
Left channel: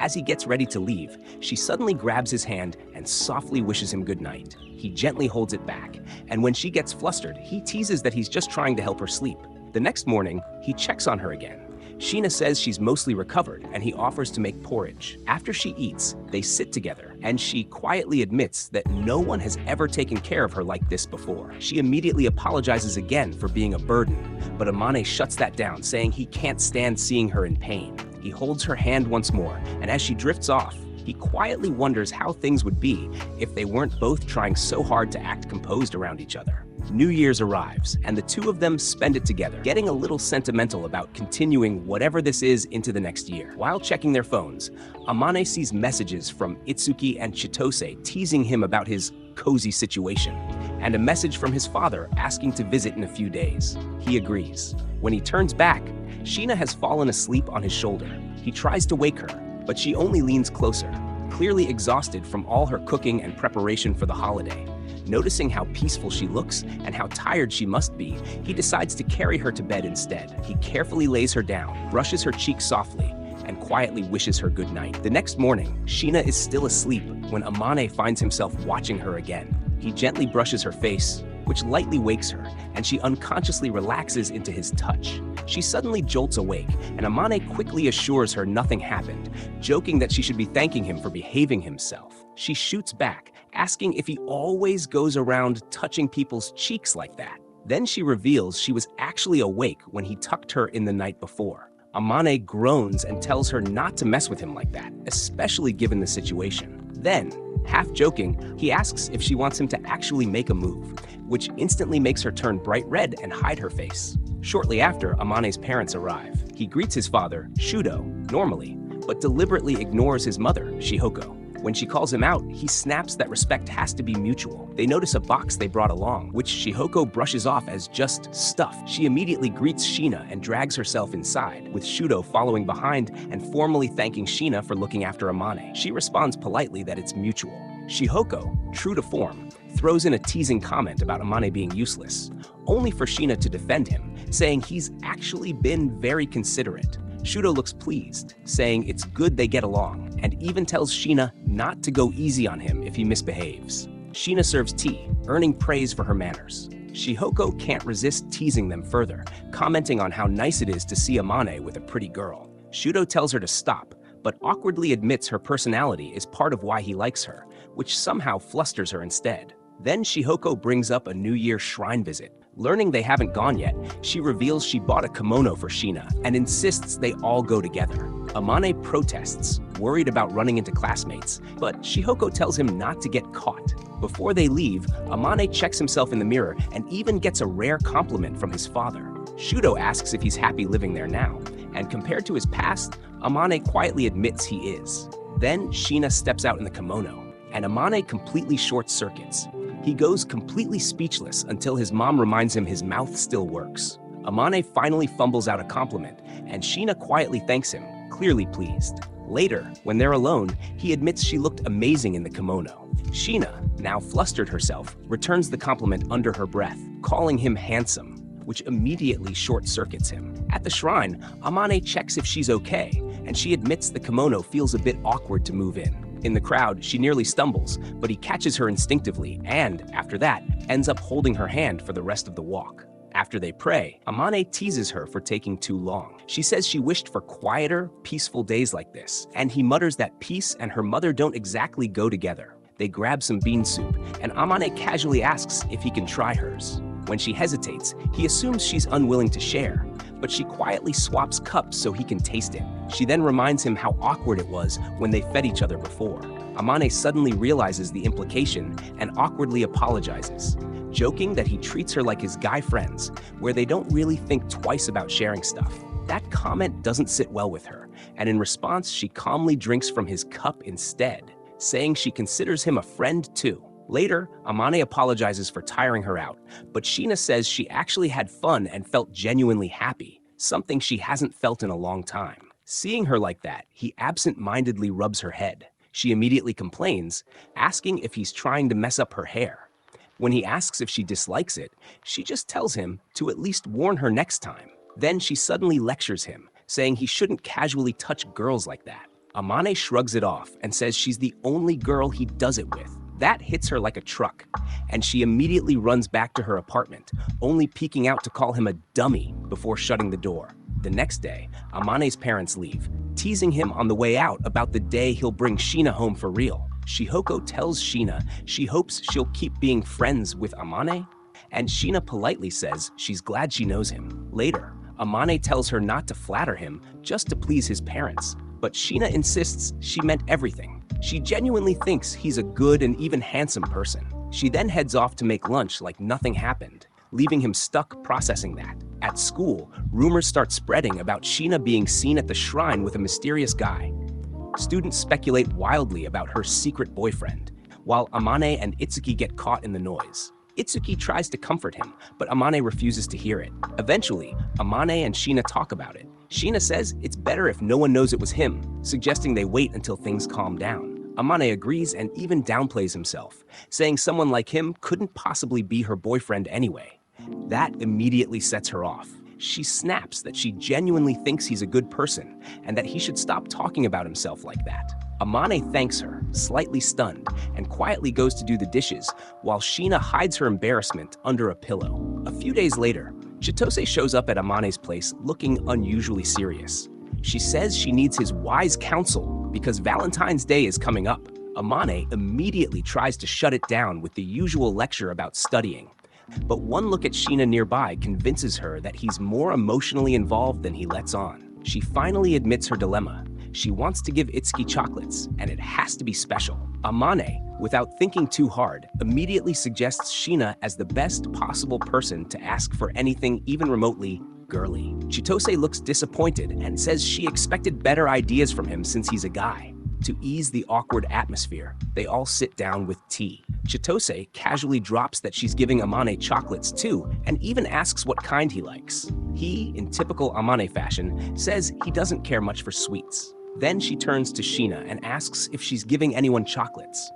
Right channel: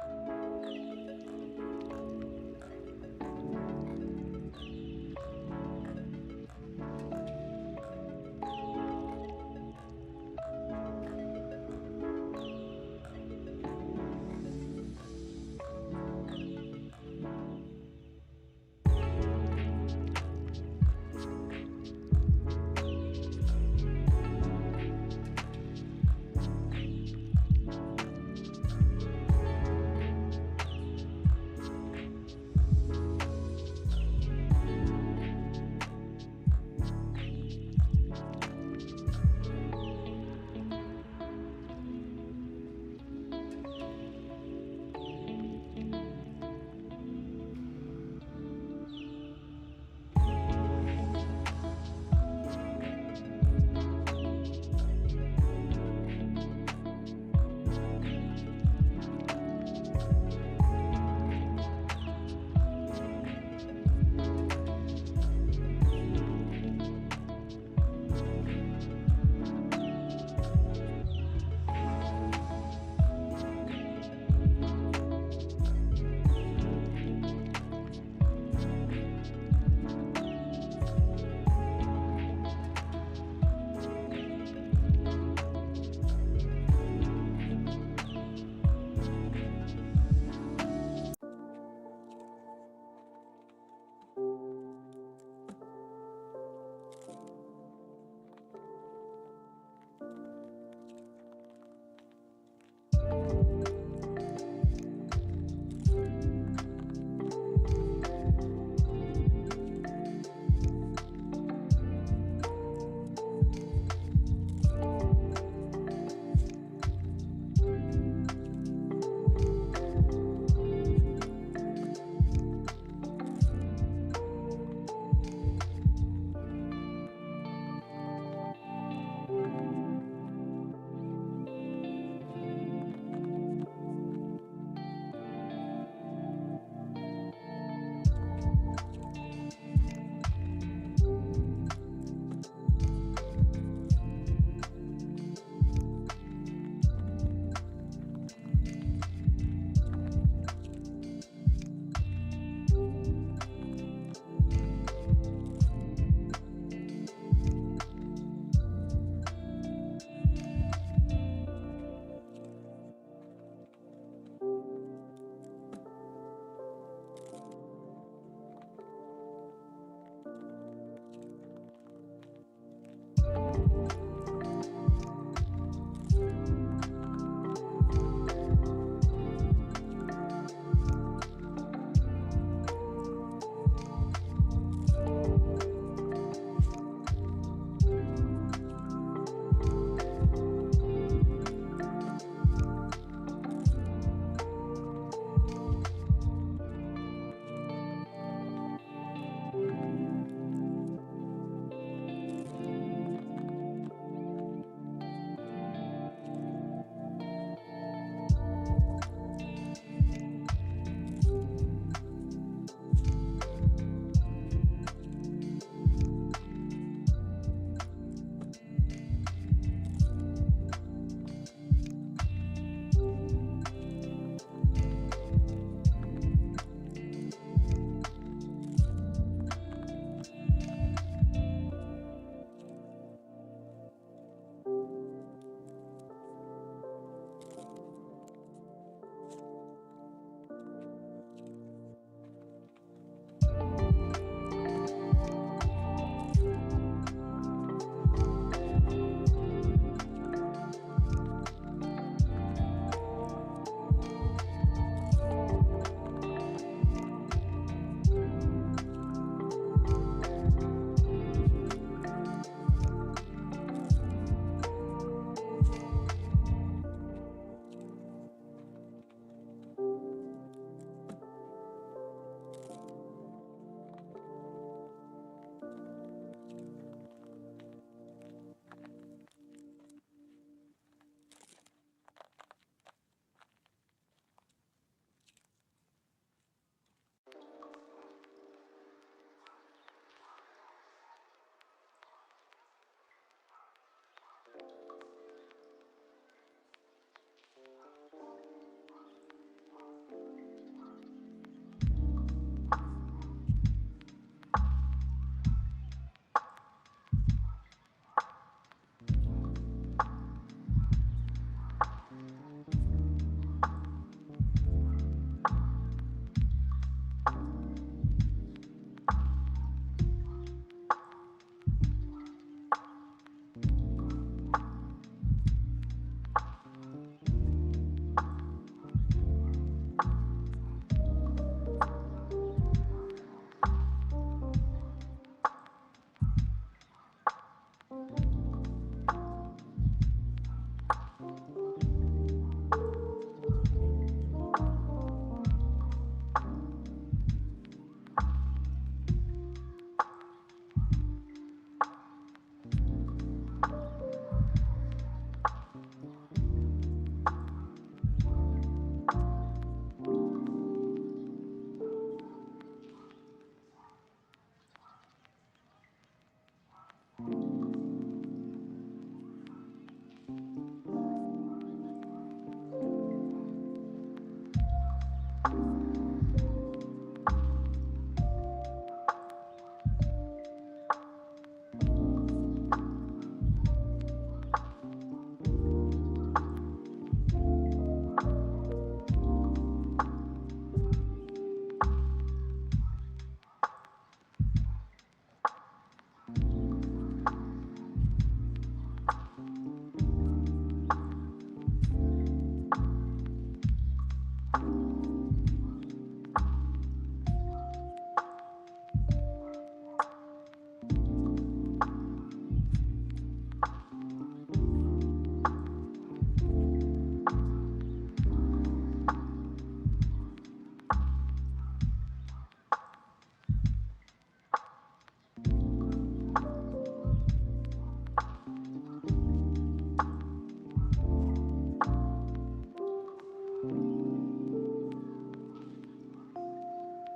As he gets ready to leave, she suddenly grabs his hand and softly wishes him good night. He gently holds it back, and when she gets flustered, he teases that he's just trying to help her sleep. The next morning, he checks on her again. Sheena says she's mostly recovered, and he offers to make porridge. After she eats, they sit together, and she quietly admits that no one has ever taken care of her like this before. She immediately apologizes again for being a burden, but Amane shuts that down, saying he can't stand seeing her in pain. He holds her hand once more, and as she drifts off, he quietly wonders how things would be if they weren't both trying so hard to act composed around each other. New Year's arrives, and the two of them spend it together, getting a little sentimental about continuing whatever this is into the next year. While checking their phones, Amane sees messages from Itsuki and Chitose teasing him about his cozy situation, and a message from his father asking to visit in a few days. He agrees. When he turns back, Sheena has fallen asleep on his shoulder. He tries to wake her, but she only leans closer, clearly exhausted from all her cooking and preparation for the holiday. Noticing how peaceful she looks and how tired she must be, he decides to carry her to bed instead. He carefully lays her down, brushes her cheek softly, and quietly wishes her good night. The next morning, Sheena is still asleep when Amane finds himself watching her again. He gently brushes her face, which lightly wakes her, and she unconsciously relaxes into his touch. She suddenly jolts awake, and Amane quickly assures her nothing happened, joking that she should be thanking him for behaving himself. She shoots back, asking if he always goes around touching people's cheeks like that. Then she reveals she was actually awake when he tucked her in the night before. Amane groans and tells her not to mess with him like that, especially given the situation. Then, half joking, he asks if she wants him to actually make a move, which instantly makes her turn bright red and hide her face. Shortly after, Amane's parents arrive. He greets his father, Shudo, normally, but deliberately ignores his mother, Shihoko. When she calls him out, he snaps that respect has to be mutual. They notice a box they brought along, which Shihoko brushes off as just stuff. She immediately greets Sheena and drags herself inside, with Shudo following behind and formally thanking Sheena for looking after Amane. She responds politely that it's mutual. Shihoko, true to form, throws in a teasing comment about Amane being useless, only for Sheena to defend him, saying he's actually been very considerate. Shudo looks pleased, saying it's good they get along, and even tells Sheena not to go easy on him if he misbehaves. Sheena serves tea, earning praise for her manners. Shihoko can't resist teasing them further, commenting on how nice it is to see Amane with a pretty girl. Shudo tells her to stop, but awkwardly admits her personality is part of why he likes her, which somehow flusters her instead. Then Shihoko brings up a New Year shrine visit. Learning they haven't gone yet, she reveals she bought a kimono for Sheena and insists they all go together. Amane protests, worried about running into classmates, but Shihoko tells him not to get caught. Before they leave, Amane checks himself in the mirror and even gets a rare compliment from his father. Shudo asks if he's happy living there now, and compared to his past, Amane quietly admits he is. Then Sheena steps out in the kimono, and Amane completely short-circuits. He goes completely speechless until his mom reminds him his mouth still works. Amane finally fumbles out a compliment, and Sheena quietly thanks him, clearly pleased. Later, when they're alone, he admits she looked amazing in the kimono. Sheena, now flustered herself, returns the compliment under her breath, calling him handsome, which immediately short-circuits him. At the shrine, Amane checks if she's okay, and she admits the kimono feels a bit awkward to move in. In the crowd, she nearly stumbles, but he catches her instinctively and, after that, ends up holding her hand for the rest of the walk. After they pray, Amane teases her for taking too long. She says she wished for quieter, peaceful days like this, and he mutters that peace and her mother don't exactly go together. They grab some bean soup, and Amane casually asks if he can try hers. When she hesitates, he assumes she's unwilling to share, but she quietly swaps cups so he can taste it. She then reminds him how awkward it was when they fed each other before. Amane suddenly realizes the implication and awkwardly apologizes, joking that he treats her like his guy friends, where they don't really think twice about sharing stuff. That comment doesn't sit well with her, and in response, she calmly drinks from his cup instead, saying she considers him a friend too. Later, Amane apologizes for tiring her out, but Sheena says she actually had fun and felt genuinely happy, something she hasn't felt in a long time. Seeing her like that, he absent-mindedly rubs her head. She immediately complains, asking if he's trying to mess up her hair. When he asks if she dislikes it, she just tells him to at least warn her next time. Then she suddenly lectures him, saying he shouldn't casually touch girls like that. Amane shrugs it off and says she's the only girl he does it with. That hits her like a truck, and she immediately runs back to her apartment, only peeking out to call him a dummy before shutting the door. The next day, Amane's parents leave, teasing him on the way out about the day he'll bring Sheena home for real. Shihoko tells Sheena she hopes she'll keep being friends with Amane, and Sheena politely says she's glad she knows him. Later, Amane tells her not to flatter him, just to please his parents, but Sheena insists she meant everything. She genuinely thinks he's a good and even handsome person. She then heads off to make lunch like nothing happened, leaving him stuck processing that. At school, rumors start spreading about Sheena being seen at the shrine with a mysterious guy. Students speculate wildly about her secret boyfriend, while Amane and Itsuki get caught in the noise. Itsuki tries to comfort him, but Amane refuses to hear it. Eventually, Amane and Sheena talk about it. Sheena says it's better if no one knows it was him, suggesting they wait until things calm down. Amane agrees and even downplays himself, saying someone like him couldn't possibly be her boyfriend anyway. That immediately sets her off. She snaps that she genuinely thinks he's a good person and that he should stop talking about himself like that. Amane thanks her, slightly stunned, and quietly goes to do the dishes, while Sheena hides her embarrassment under a pillow. A few days later, Chitose shows up at Amane's place looking unusually serious. She says she needs his wise counsel because Valentine's Day is coming up. Amane immediately tries to shut it down with the usual lecture about studying. But one look at Sheena nearby convinces her that he's more emotionally involved than he lets on. She finally admits her dilemma. She wants to give Itsuki chocolates, and it has to be special. Amane, without thinking too hard, immediately suggests Sheena as the best possible person to ask for anything even remotely girly. Chitose looks disappointed and says she expected better ideas from him since he's a guy. To ease the awkward atmosphere, they all sit down with tea. Chitose casually drops that she's giving Amane chocolates too, and even asks what kind he likes. He, in typical Amane fashion, says he doesn't care much for sweets. Then she turns to Sheena and asks if she's giving anyone chocolates.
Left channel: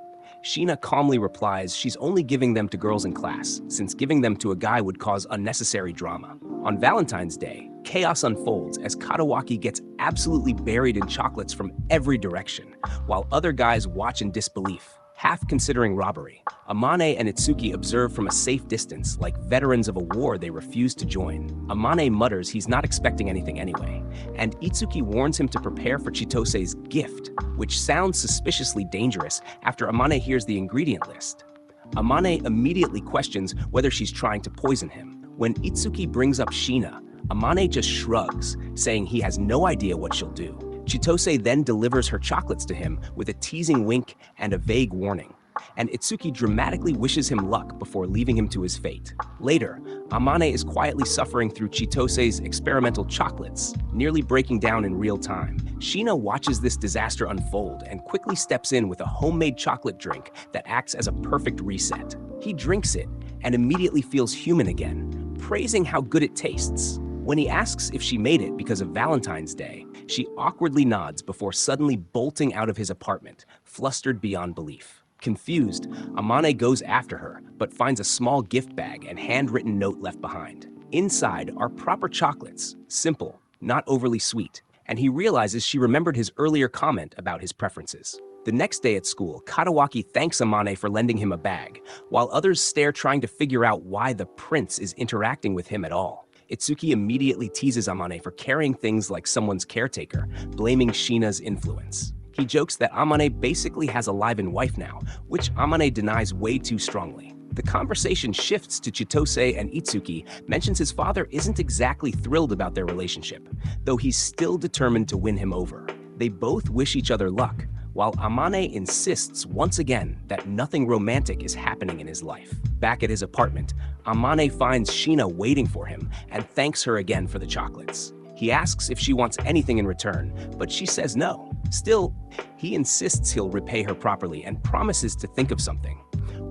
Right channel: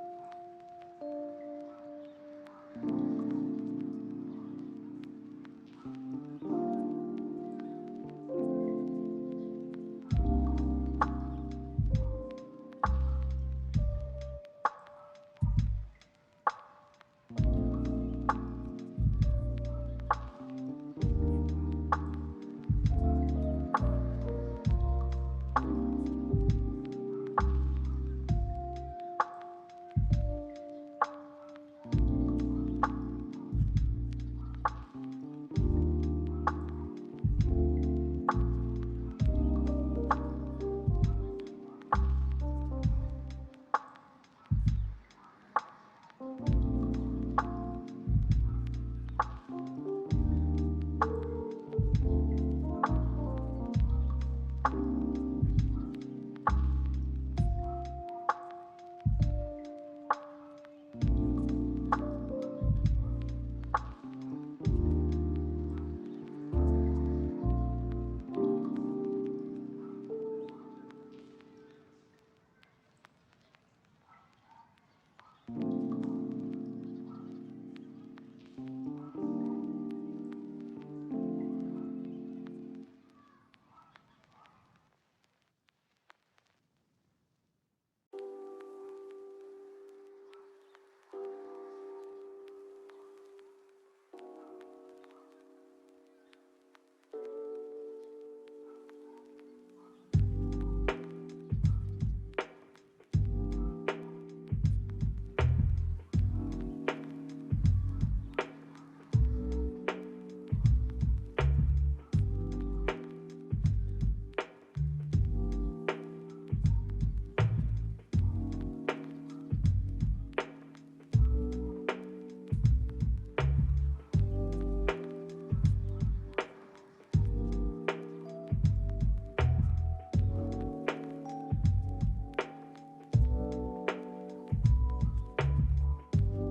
Sheena calmly replies she's only giving them to girls in class, since giving them to a guy would cause unnecessary drama. On Valentine's Day, chaos unfolds as Katawaki gets absolutely buried in chocolates from every direction, while other guys watch in disbelief, half considering robbery. Amane and Itsuki observe from a safe distance, like veterans of a war they refuse to join. Amane mutters he's not expecting anything anyway, and Itsuki warns him to prepare for Chitose's gift, which sounds suspiciously dangerous after Amane hears the ingredient list. Amane immediately questions whether she's trying to poison him. When Itsuki brings up Sheena, Amane just shrugs, saying he has no idea what she'll do. Chitose then delivers her chocolates to him with a teasing wink and a vague warning, and Itsuki dramatically wishes him luck before leaving him to his fate. Later, Amane is quietly suffering through Chitose's experimental chocolates, nearly breaking down in real time. Sheena watches this disaster unfold and quickly steps in with a homemade chocolate drink that acts as a perfect reset. He drinks it and immediately feels human again, praising how good it tastes. When he asks if she made it because of Valentine's Day, she awkwardly nods before suddenly bolting out of his apartment, flustered beyond belief. Confused, Amane goes after her, but finds a small gift bag and handwritten note left behind. Inside are proper chocolates, simple, not overly sweet, and he realizes she remembered his earlier comment about his preferences. The next day at school, Katawaki thanks Amane for lending him a bag, while others stare trying to figure out why the prince is interacting with him at all. Itsuki immediately teases Amane for carrying things like someone's caretaker, blaming Sheena's influence. He jokes that Amane basically has a live-in wife now, which Amane denies way too strongly. The conversation shifts to Chitose, and Itsuki mentions his father isn't exactly thrilled about their relationship, though he's still determined to win him over. They both wish each other luck, while Amane insists once again that nothing romantic is happening in his life. Back at his apartment, Amane finds Sheena waiting for him and thanks her again for the chocolates. He asks if she wants anything in return, but she says no. Still, he insists he'll repay her properly and promises to think of something,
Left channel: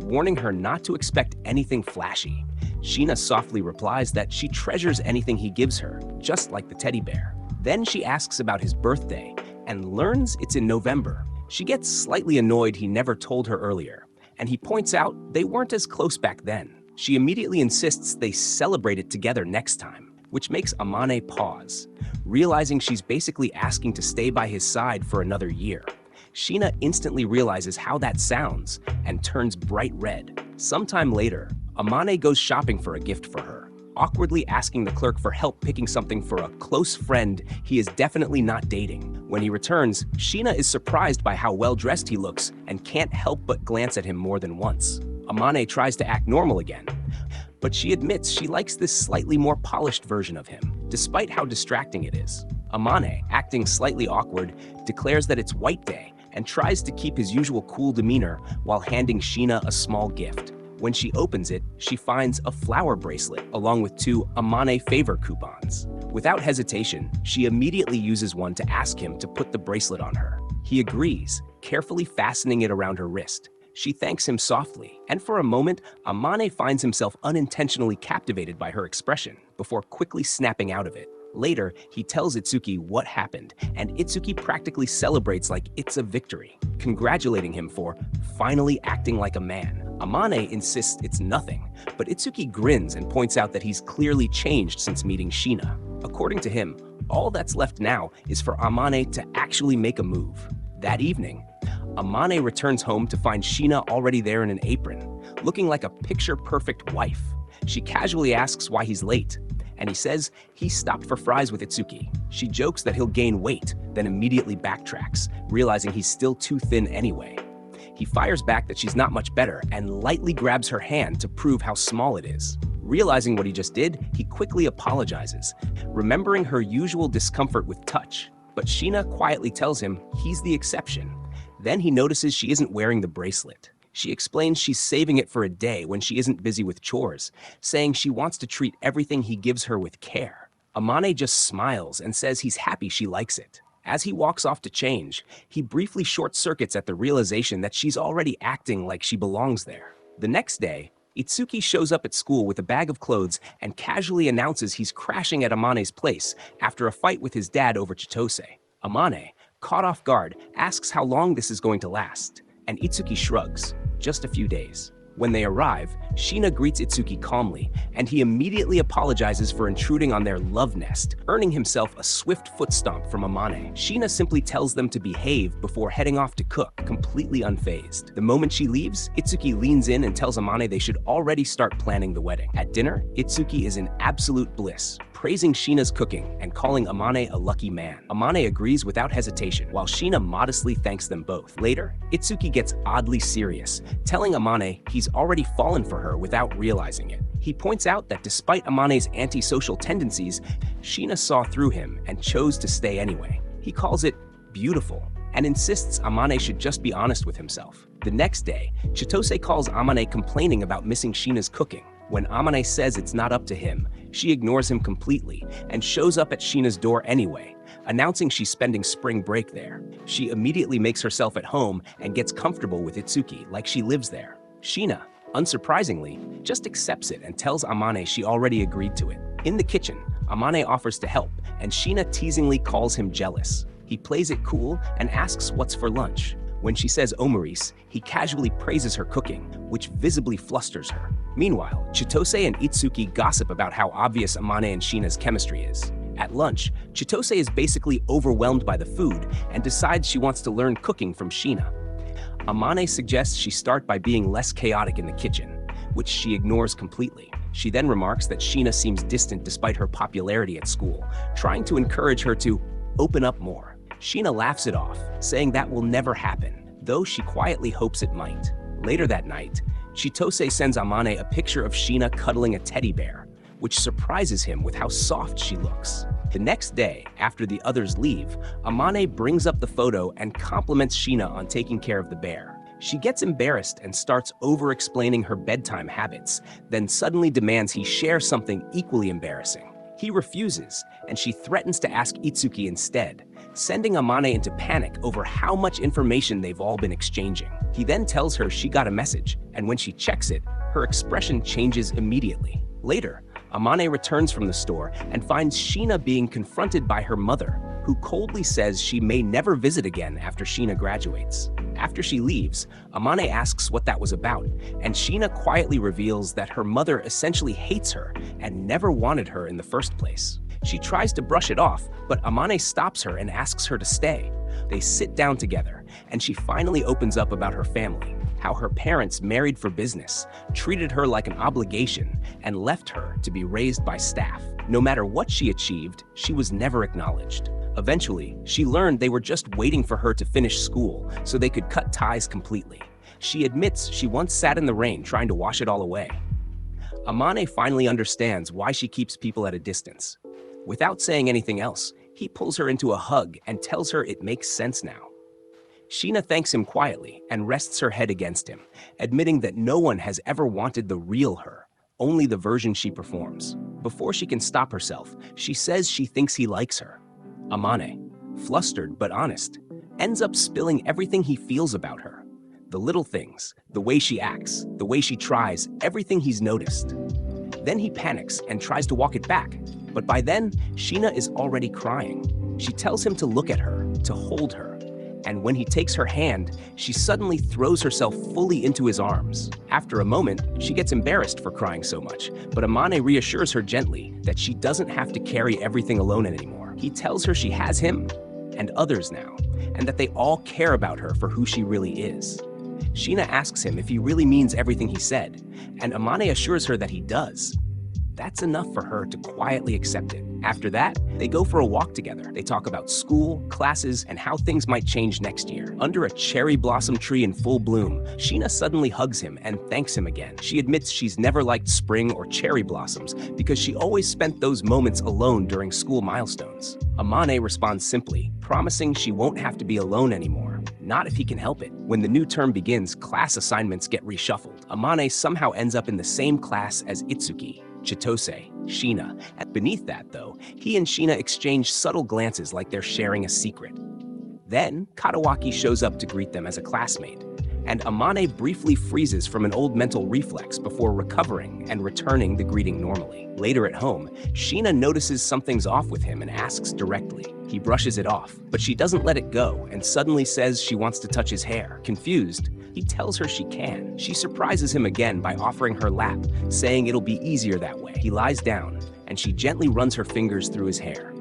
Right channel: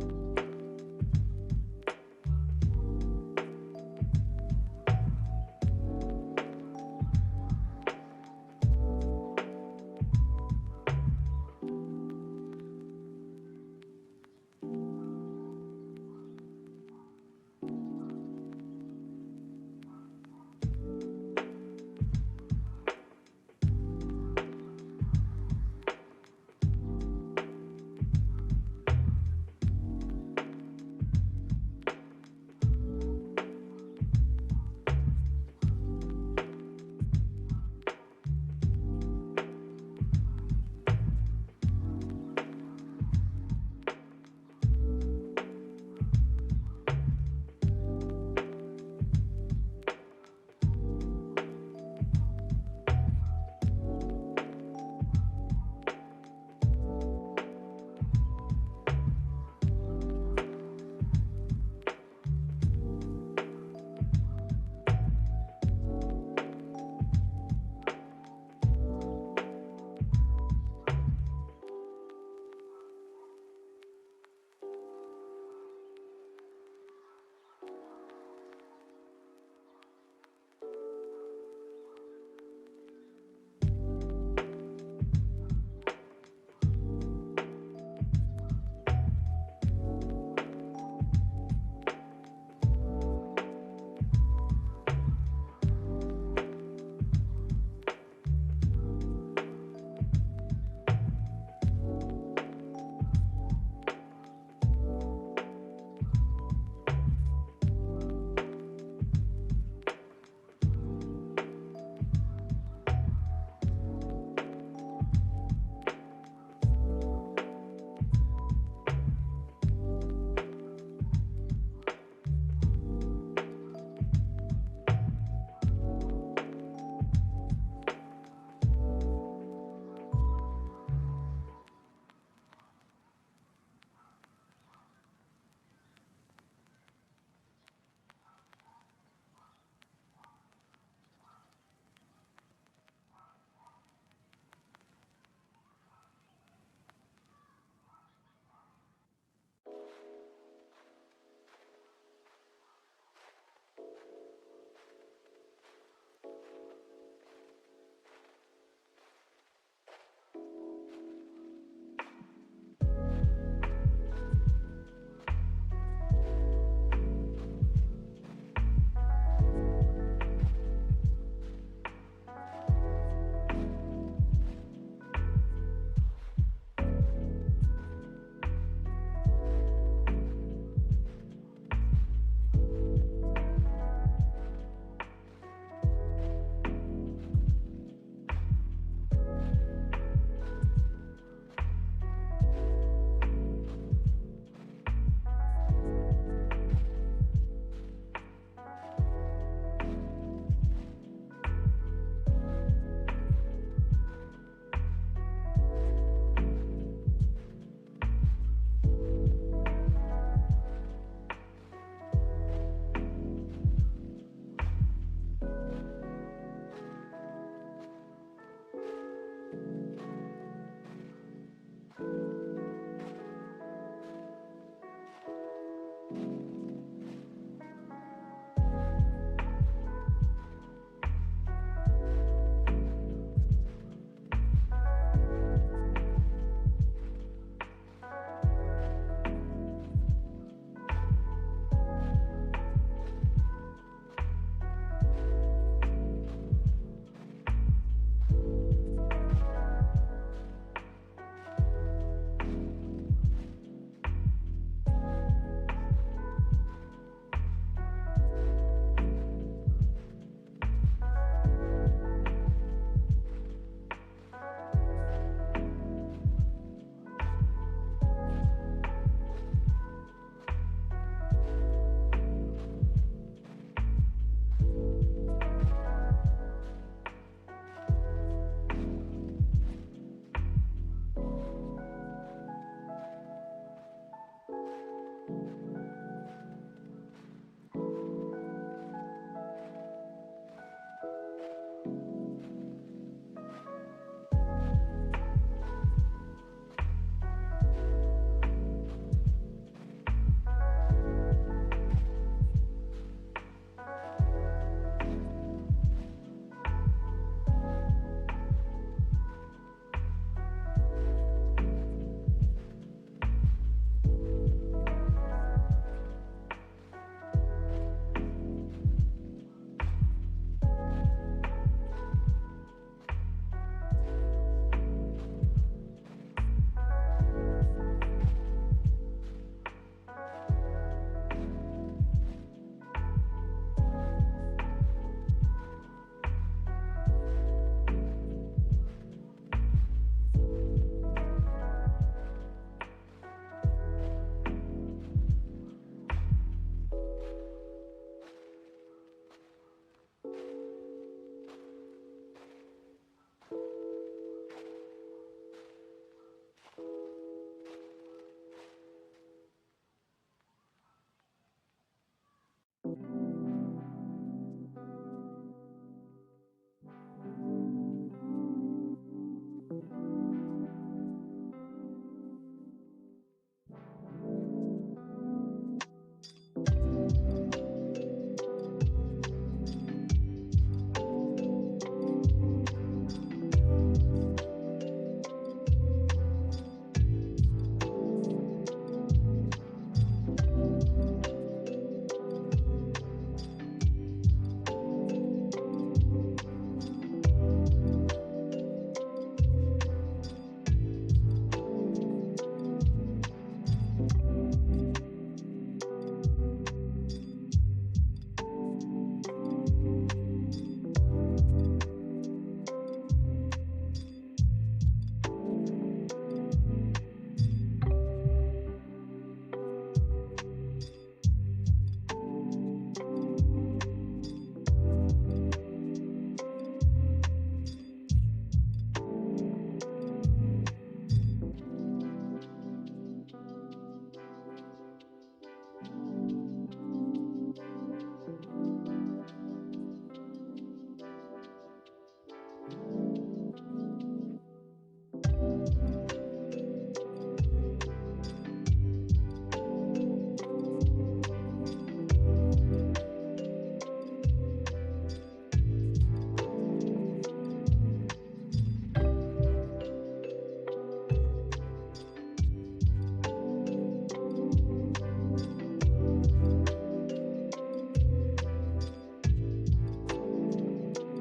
warning her not to expect anything flashy. Sheena softly replies that she treasures anything he gives her, just like the teddy bear. Then she asks about his birthday and learns it's in November. She gets slightly annoyed he never told her earlier, and he points out they weren't as close back then. She immediately insists they celebrate it together next time, which makes Amane pause, realizing she's basically asking to stay by his side for another year. Sheena instantly realizes how that sounds and turns bright red. Sometime later, Amane goes shopping for a gift for her, awkwardly asking the clerk for help picking something for a close friend he is definitely not dating. When he returns, Sheena is surprised by how well-dressed he looks and can't help but glance at him more than once. Amane tries to act normal again, but she admits she likes this slightly more polished version of him, despite how distracting it is. Amane, acting slightly awkward, declares that it's White Day and tries to keep his usual cool demeanor while handing Sheena a small gift. When she opens it, she finds a flower bracelet along with 2 Amane favor coupons. Without hesitation, she immediately uses one to ask him to put the bracelet on her. He agrees, carefully fastening it around her wrist. She thanks him softly, and for a moment, Amane finds himself unintentionally captivated by her expression before quickly snapping out of it. Later, he tells Itsuki what happened, and Itsuki practically celebrates like it's a victory, congratulating him for finally acting like a man. Amane insists it's nothing, but Itsuki grins and points out that he's clearly changed since meeting Sheena. According to him, all that's left now is for Amane to actually make a move. That evening, Amane returns home to find Sheena already there in an apron, looking like a picture-perfect wife. She casually asks why he's late, and he says he stopped for fries with Itsuki. She jokes that he'll gain weight, then immediately backtracks, realizing he's still too thin anyway. He fires back that she's not much better and lightly grabs her hand to prove how small it is. Realizing what he just did, he quickly apologizes, remembering her usual discomfort with touch. But Sheena quietly tells him he's the exception. Then he notices she isn't wearing the bracelet. She explains she's saving it for a day when she isn't busy with chores, saying she wants to treat everything he gives her with care. Amane just smiles and says he's happy she likes it. As he walks off to change, he briefly short-circuits at the realization that she's already acting like she belongs there. The next day, Itsuki shows up at school with a bag of clothes and casually announces he's crashing at Amane's place after a fight with his dad over Chitose. Amane, caught off guard, asks how long this is going to last, and Itsuki shrugs, just a few days. When they arrive, Sheena greets Itsuki calmly, and he immediately apologizes for intruding on their love nest, earning himself a swift foot stomp from Amane. Sheena simply tells them to behave before heading off to cook, completely unfazed. The moment she leaves, Itsuki leans in and tells Amane they should already start planning the wedding. At dinner, Itsuki is in absolute bliss, praising Sheena's cooking and calling Amane a lucky man. Amane agrees without hesitation, while Sheena modestly thanks them both. Later, Itsuki gets oddly serious, telling Amane he's already fallen for her without realizing it. He points out that despite Amane's antisocial tendencies, Sheena saw through him and chose to stay anyway. He calls it beautiful and insists Amane should just be honest with himself. The next day, Chitose calls Amane complaining about missing Sheena's cooking. When Amane says it's not up to him, she ignores him completely and shows up at Sheena's door anyway, announcing she's spending spring break there. She immediately makes herself at home and gets comfortable with Itsuki like she lives there. Sheena, unsurprisingly, just accepts it and tells Amane she already agreed to it. In the kitchen, Amane offers to help, and Sheena teasingly calls him jealous. He plays it cool and asks what's for lunch. When she says omaris, he casually praises her cooking, which visibly flusters her. Meanwhile, Chitose and Itsuki gossip about how obvious Amane and Sheena's chemistry is. At lunch, Chitose is basically overwhelmed by the food and decides she wants to learn cooking from Sheena. Amane suggests she start by being less chaotic in the kitchen, which she ignores completely. She then remarks that Sheena seems distant despite her popularity at school, trying to encourage her to open up more. Sheena laughs it off, saying that will never happen, though she quietly hopes it might. Later that night, Chitose sends Amane a picture of Sheena cuddling a teddy bear, which surprises him with how soft she looks. The next day, after the others leave, Amane brings up the photo and compliments Sheena on taking care of the bear. She gets embarrassed and starts over-explaining her bedtime habits, then suddenly demands he share something equally embarrassing. He refuses, and she threatens to ask Itsuki instead, sending Amane into panic over how much information they've all been exchanging. He then tells her she got a message, and when she checks it, her expression changes immediately. Later, Amane returns from the store and finds Sheena being confronted by her mother, who coldly says she may never visit again after Sheena graduates. After she leaves, Amane asks what that was about, and Sheena quietly reveals that her mother essentially hates her and never wanted her in the first place. She tries to brush it off, but Amane stops her and asks her to stay. They sit down together, and she finally opens up about her family, how her parents married for business, treated her like an obligation, and left her to be raised by staff. No matter what she achieved, she was never acknowledged. Eventually, she learned they were just waiting for her to finish school so they could cut ties completely. She admits she once sat in the rain trying to wash it all away. Amane finally understands why she keeps people at a distance. Without saying anything else, he pulls her into a hug and tells her it makes sense now. Sheena thanks him quietly and rests her head against him, admitting that no one has ever wanted the real her, only the version she performs. Before she can stop herself, she says she thinks he likes her. Amane, flustered but honest, ends up spilling everything he feels about her. The little things, the way she acts, the way she tries, everything he's noticed. Then he panics and tries to walk it back, but by then, Sheena is already crying. She tells him to look at her, to hold her, and when he takes her hand, she suddenly throws herself fully into his arms. After a moment, she gets embarrassed for crying so much, but Amane reassures her gently that she doesn't have to carry everything alone anymore. He tells her she has him and others now, and that they all care about her for who she really is. Sheena asks him if he really means everything he said, and Amane assures her that he does. That's enough for her to quietly accept it. After that, they go for a walk together. They talk about school, classes, and how things might change next year. Under a cherry blossom tree in full bloom, Sheena suddenly hugs him and thanks him again. She admits she's never liked spring or cherry blossoms because she always spent those moments alone during school milestones. Amane responds simply, promising she won't have to be alone anymore. Not if he can help it. When the new term begins, class assignments get reshuffled. Amane somehow ends up in the same class as Itsuki, Chitose, Sheena. Beneath that, though, he and Sheena exchange subtle glances like they're sharing a secret. Then, Katawaki shows up to greet them as a classmate, and Amane briefly freezes from an old mental reflex before recovering and returning the greeting normally. Later at home, Sheena notices something's off with him and asks directly. He brushes it off, but she doesn't let it go and suddenly says she wants to touch his hair. Confused, he tells her she can. She surprises him again by offering her lap, saying it'll be easier that way. He lies down, and she gently runs her fingers through his hair.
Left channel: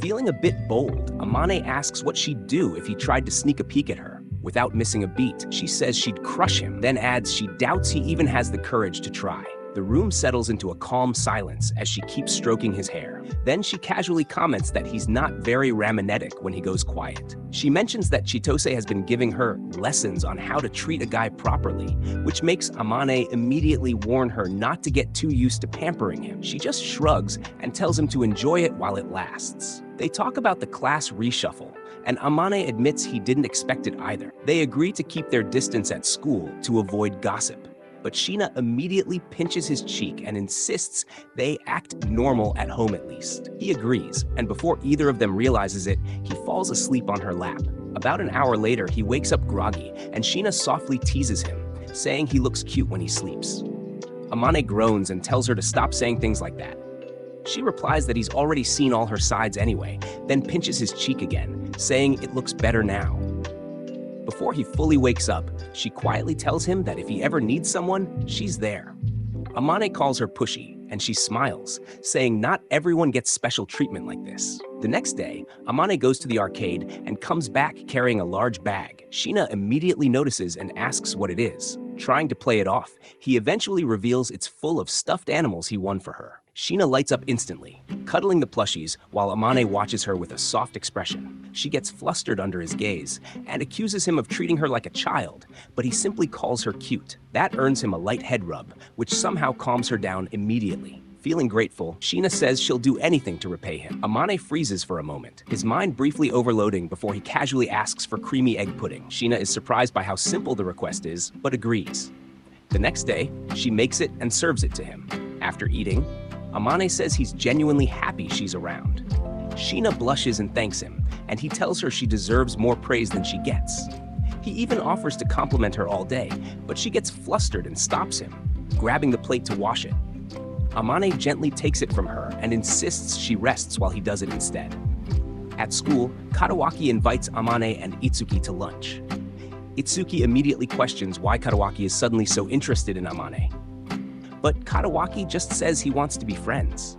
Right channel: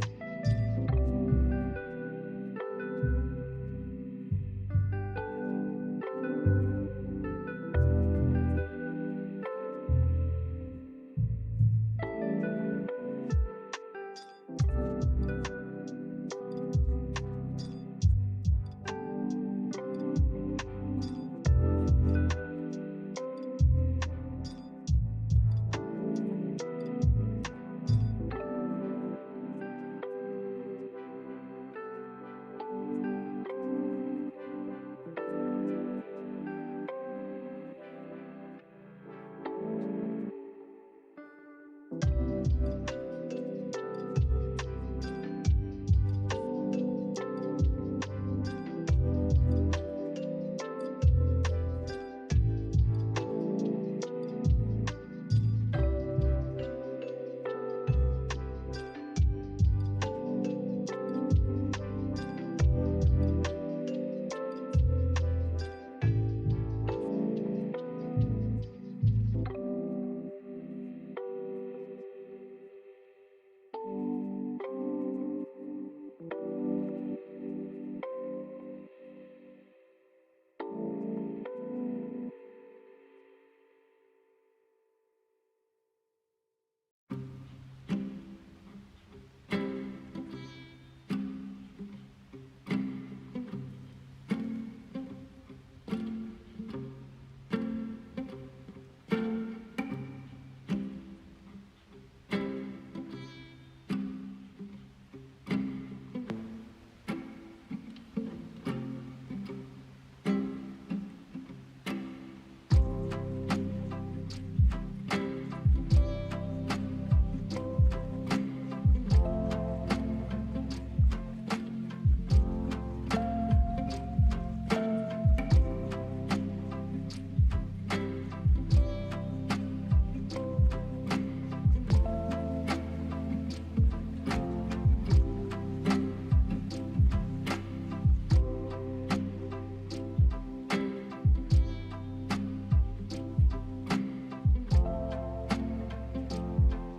Feeling a bit bold, Amane asks what she'd do if he tried to sneak a peek at her. Without missing a beat, she says she'd crush him, then adds she doubts he even has the courage to try. The room settles into a calm silence as she keeps stroking his hair. Then she casually comments that he's not very raminetic when he goes quiet. She mentions that Chitose has been giving her lessons on how to treat a guy properly, which makes Amane immediately warn her not to get too used to pampering him. She just shrugs and tells him to enjoy it while it lasts. They talk about the class reshuffle, and Amane admits he didn't expect it either. They agree to keep their distance at school to avoid gossip. But Sheena immediately pinches his cheek and insists they act normal at home at least. He agrees, and before either of them realizes it, he falls asleep on her lap. About an hour later, he wakes up groggy, and Sheena softly teases him, saying he looks cute when he sleeps. Amane groans and tells her to stop saying things like that. She replies that he's already seen all her sides anyway, then pinches his cheek again, saying it looks better now. Before he fully wakes up, she quietly tells him that if he ever needs someone, she's there. Amane calls her pushy, and she smiles, saying not everyone gets special treatment like this. The next day, Amane goes to the arcade and comes back carrying a large bag. Sheena immediately notices and asks what it is. Trying to play it off, he eventually reveals it's full of stuffed animals he won for her. Sheena lights up instantly, cuddling the plushies while Amane watches her with a soft expression. She gets flustered under his gaze and accuses him of treating her like a child, but he simply calls her cute. That earns him a light head rub, which somehow calms her down immediately. Feeling grateful, Sheena says she'll do anything to repay him. Amane freezes for a moment, his mind briefly overloading before he casually asks for creamy egg pudding. Sheena is surprised by how simple the request is, but agrees. The next day, she makes it and serves it to him. After eating, Amane says he's genuinely happy she's around. Sheena blushes and thanks him, and he tells her she deserves more praise than she gets. He even offers to compliment her all day, but she gets flustered and stops him, grabbing the plate to wash it. Amane gently takes it from her and insists she rests while he does it instead. At school, Katawaki invites Amane and Itsuki to lunch. Itsuki immediately questions why Katawaki is suddenly so interested in Amane. But Katawaki just says he wants to be friends.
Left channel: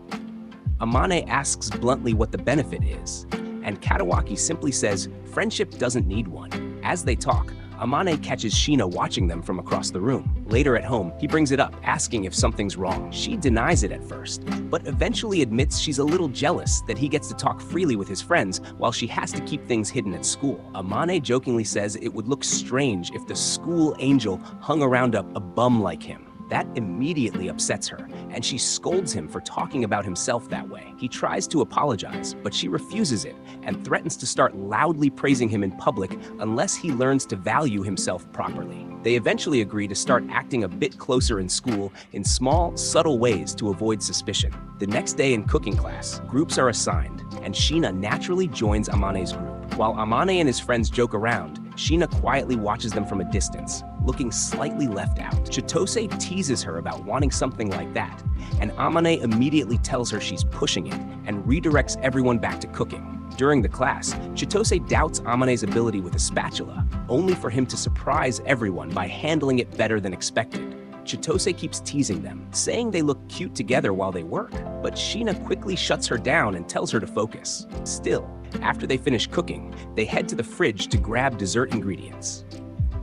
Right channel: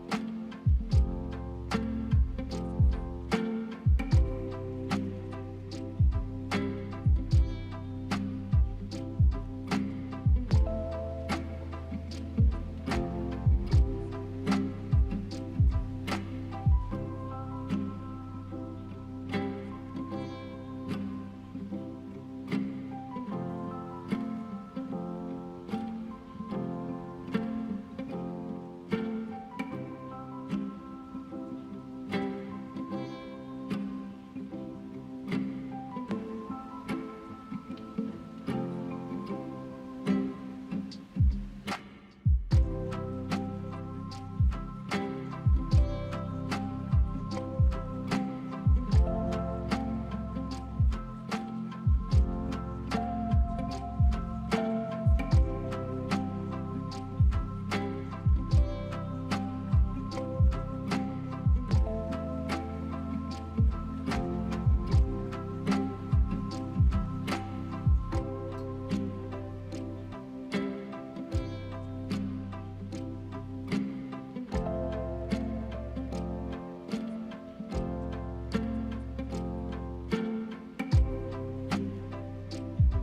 Amane asks bluntly what the benefit is, and Katawaki simply says friendship doesn't need one. As they talk, Amane catches Sheena watching them from across the room. Later at home, he brings it up, asking if something's wrong. She denies it at first, but eventually admits she's a little jealous that he gets to talk freely with his friends while she has to keep things hidden at school. Amane jokingly says it would look strange if the school angel hung around a bum like him. That immediately upsets her, and she scolds him for talking about himself that way. He tries to apologize, but she refuses it and threatens to start loudly praising him in public unless he learns to value himself properly. They eventually agree to start acting a bit closer in school in small, subtle ways to avoid suspicion. The next day in cooking class, groups are assigned, and Sheena naturally joins Amane's group. While Amane and his friends joke around, Sheena quietly watches them from a distance, looking slightly left out. Chitose teases her about wanting something like that, and Amane immediately tells her she's pushing it and redirects everyone back to cooking. During the class, Chitose doubts Amane's ability with a spatula, only for him to surprise everyone by handling it better than expected. Chitose keeps teasing them, saying they look cute together while they work, but Sheena quickly shuts her down and tells her to focus. Still, after they finish cooking, they head to the fridge to grab dessert ingredients.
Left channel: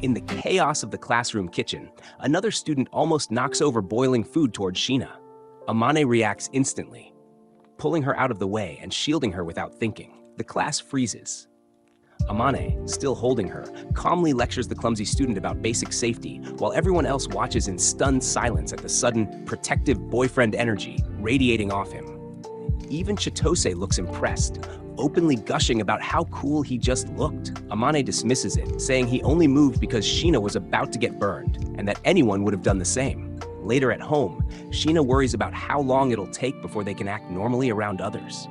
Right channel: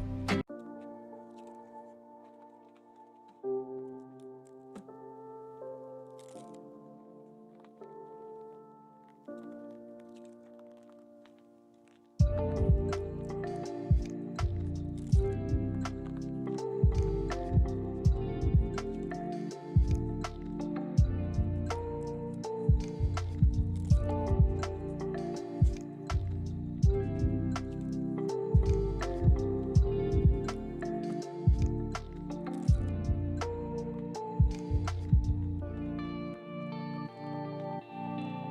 In the chaos of the classroom kitchen, another student almost knocks over boiling food towards Sheena. Amane reacts instantly, pulling her out of the way and shielding her without thinking. The class freezes. Amane, still holding her, calmly lectures the clumsy student about basic safety, while everyone else watches in stunned silence at the sudden, protective boyfriend energy radiating off him. Even Chitose looks impressed, openly gushing about how cool he just looked. Amane dismisses it, saying he only moved because Sheena was about to get burned, and that anyone would have done the same. Later at home, Sheena worries about how long it'll take before they can act normally around others.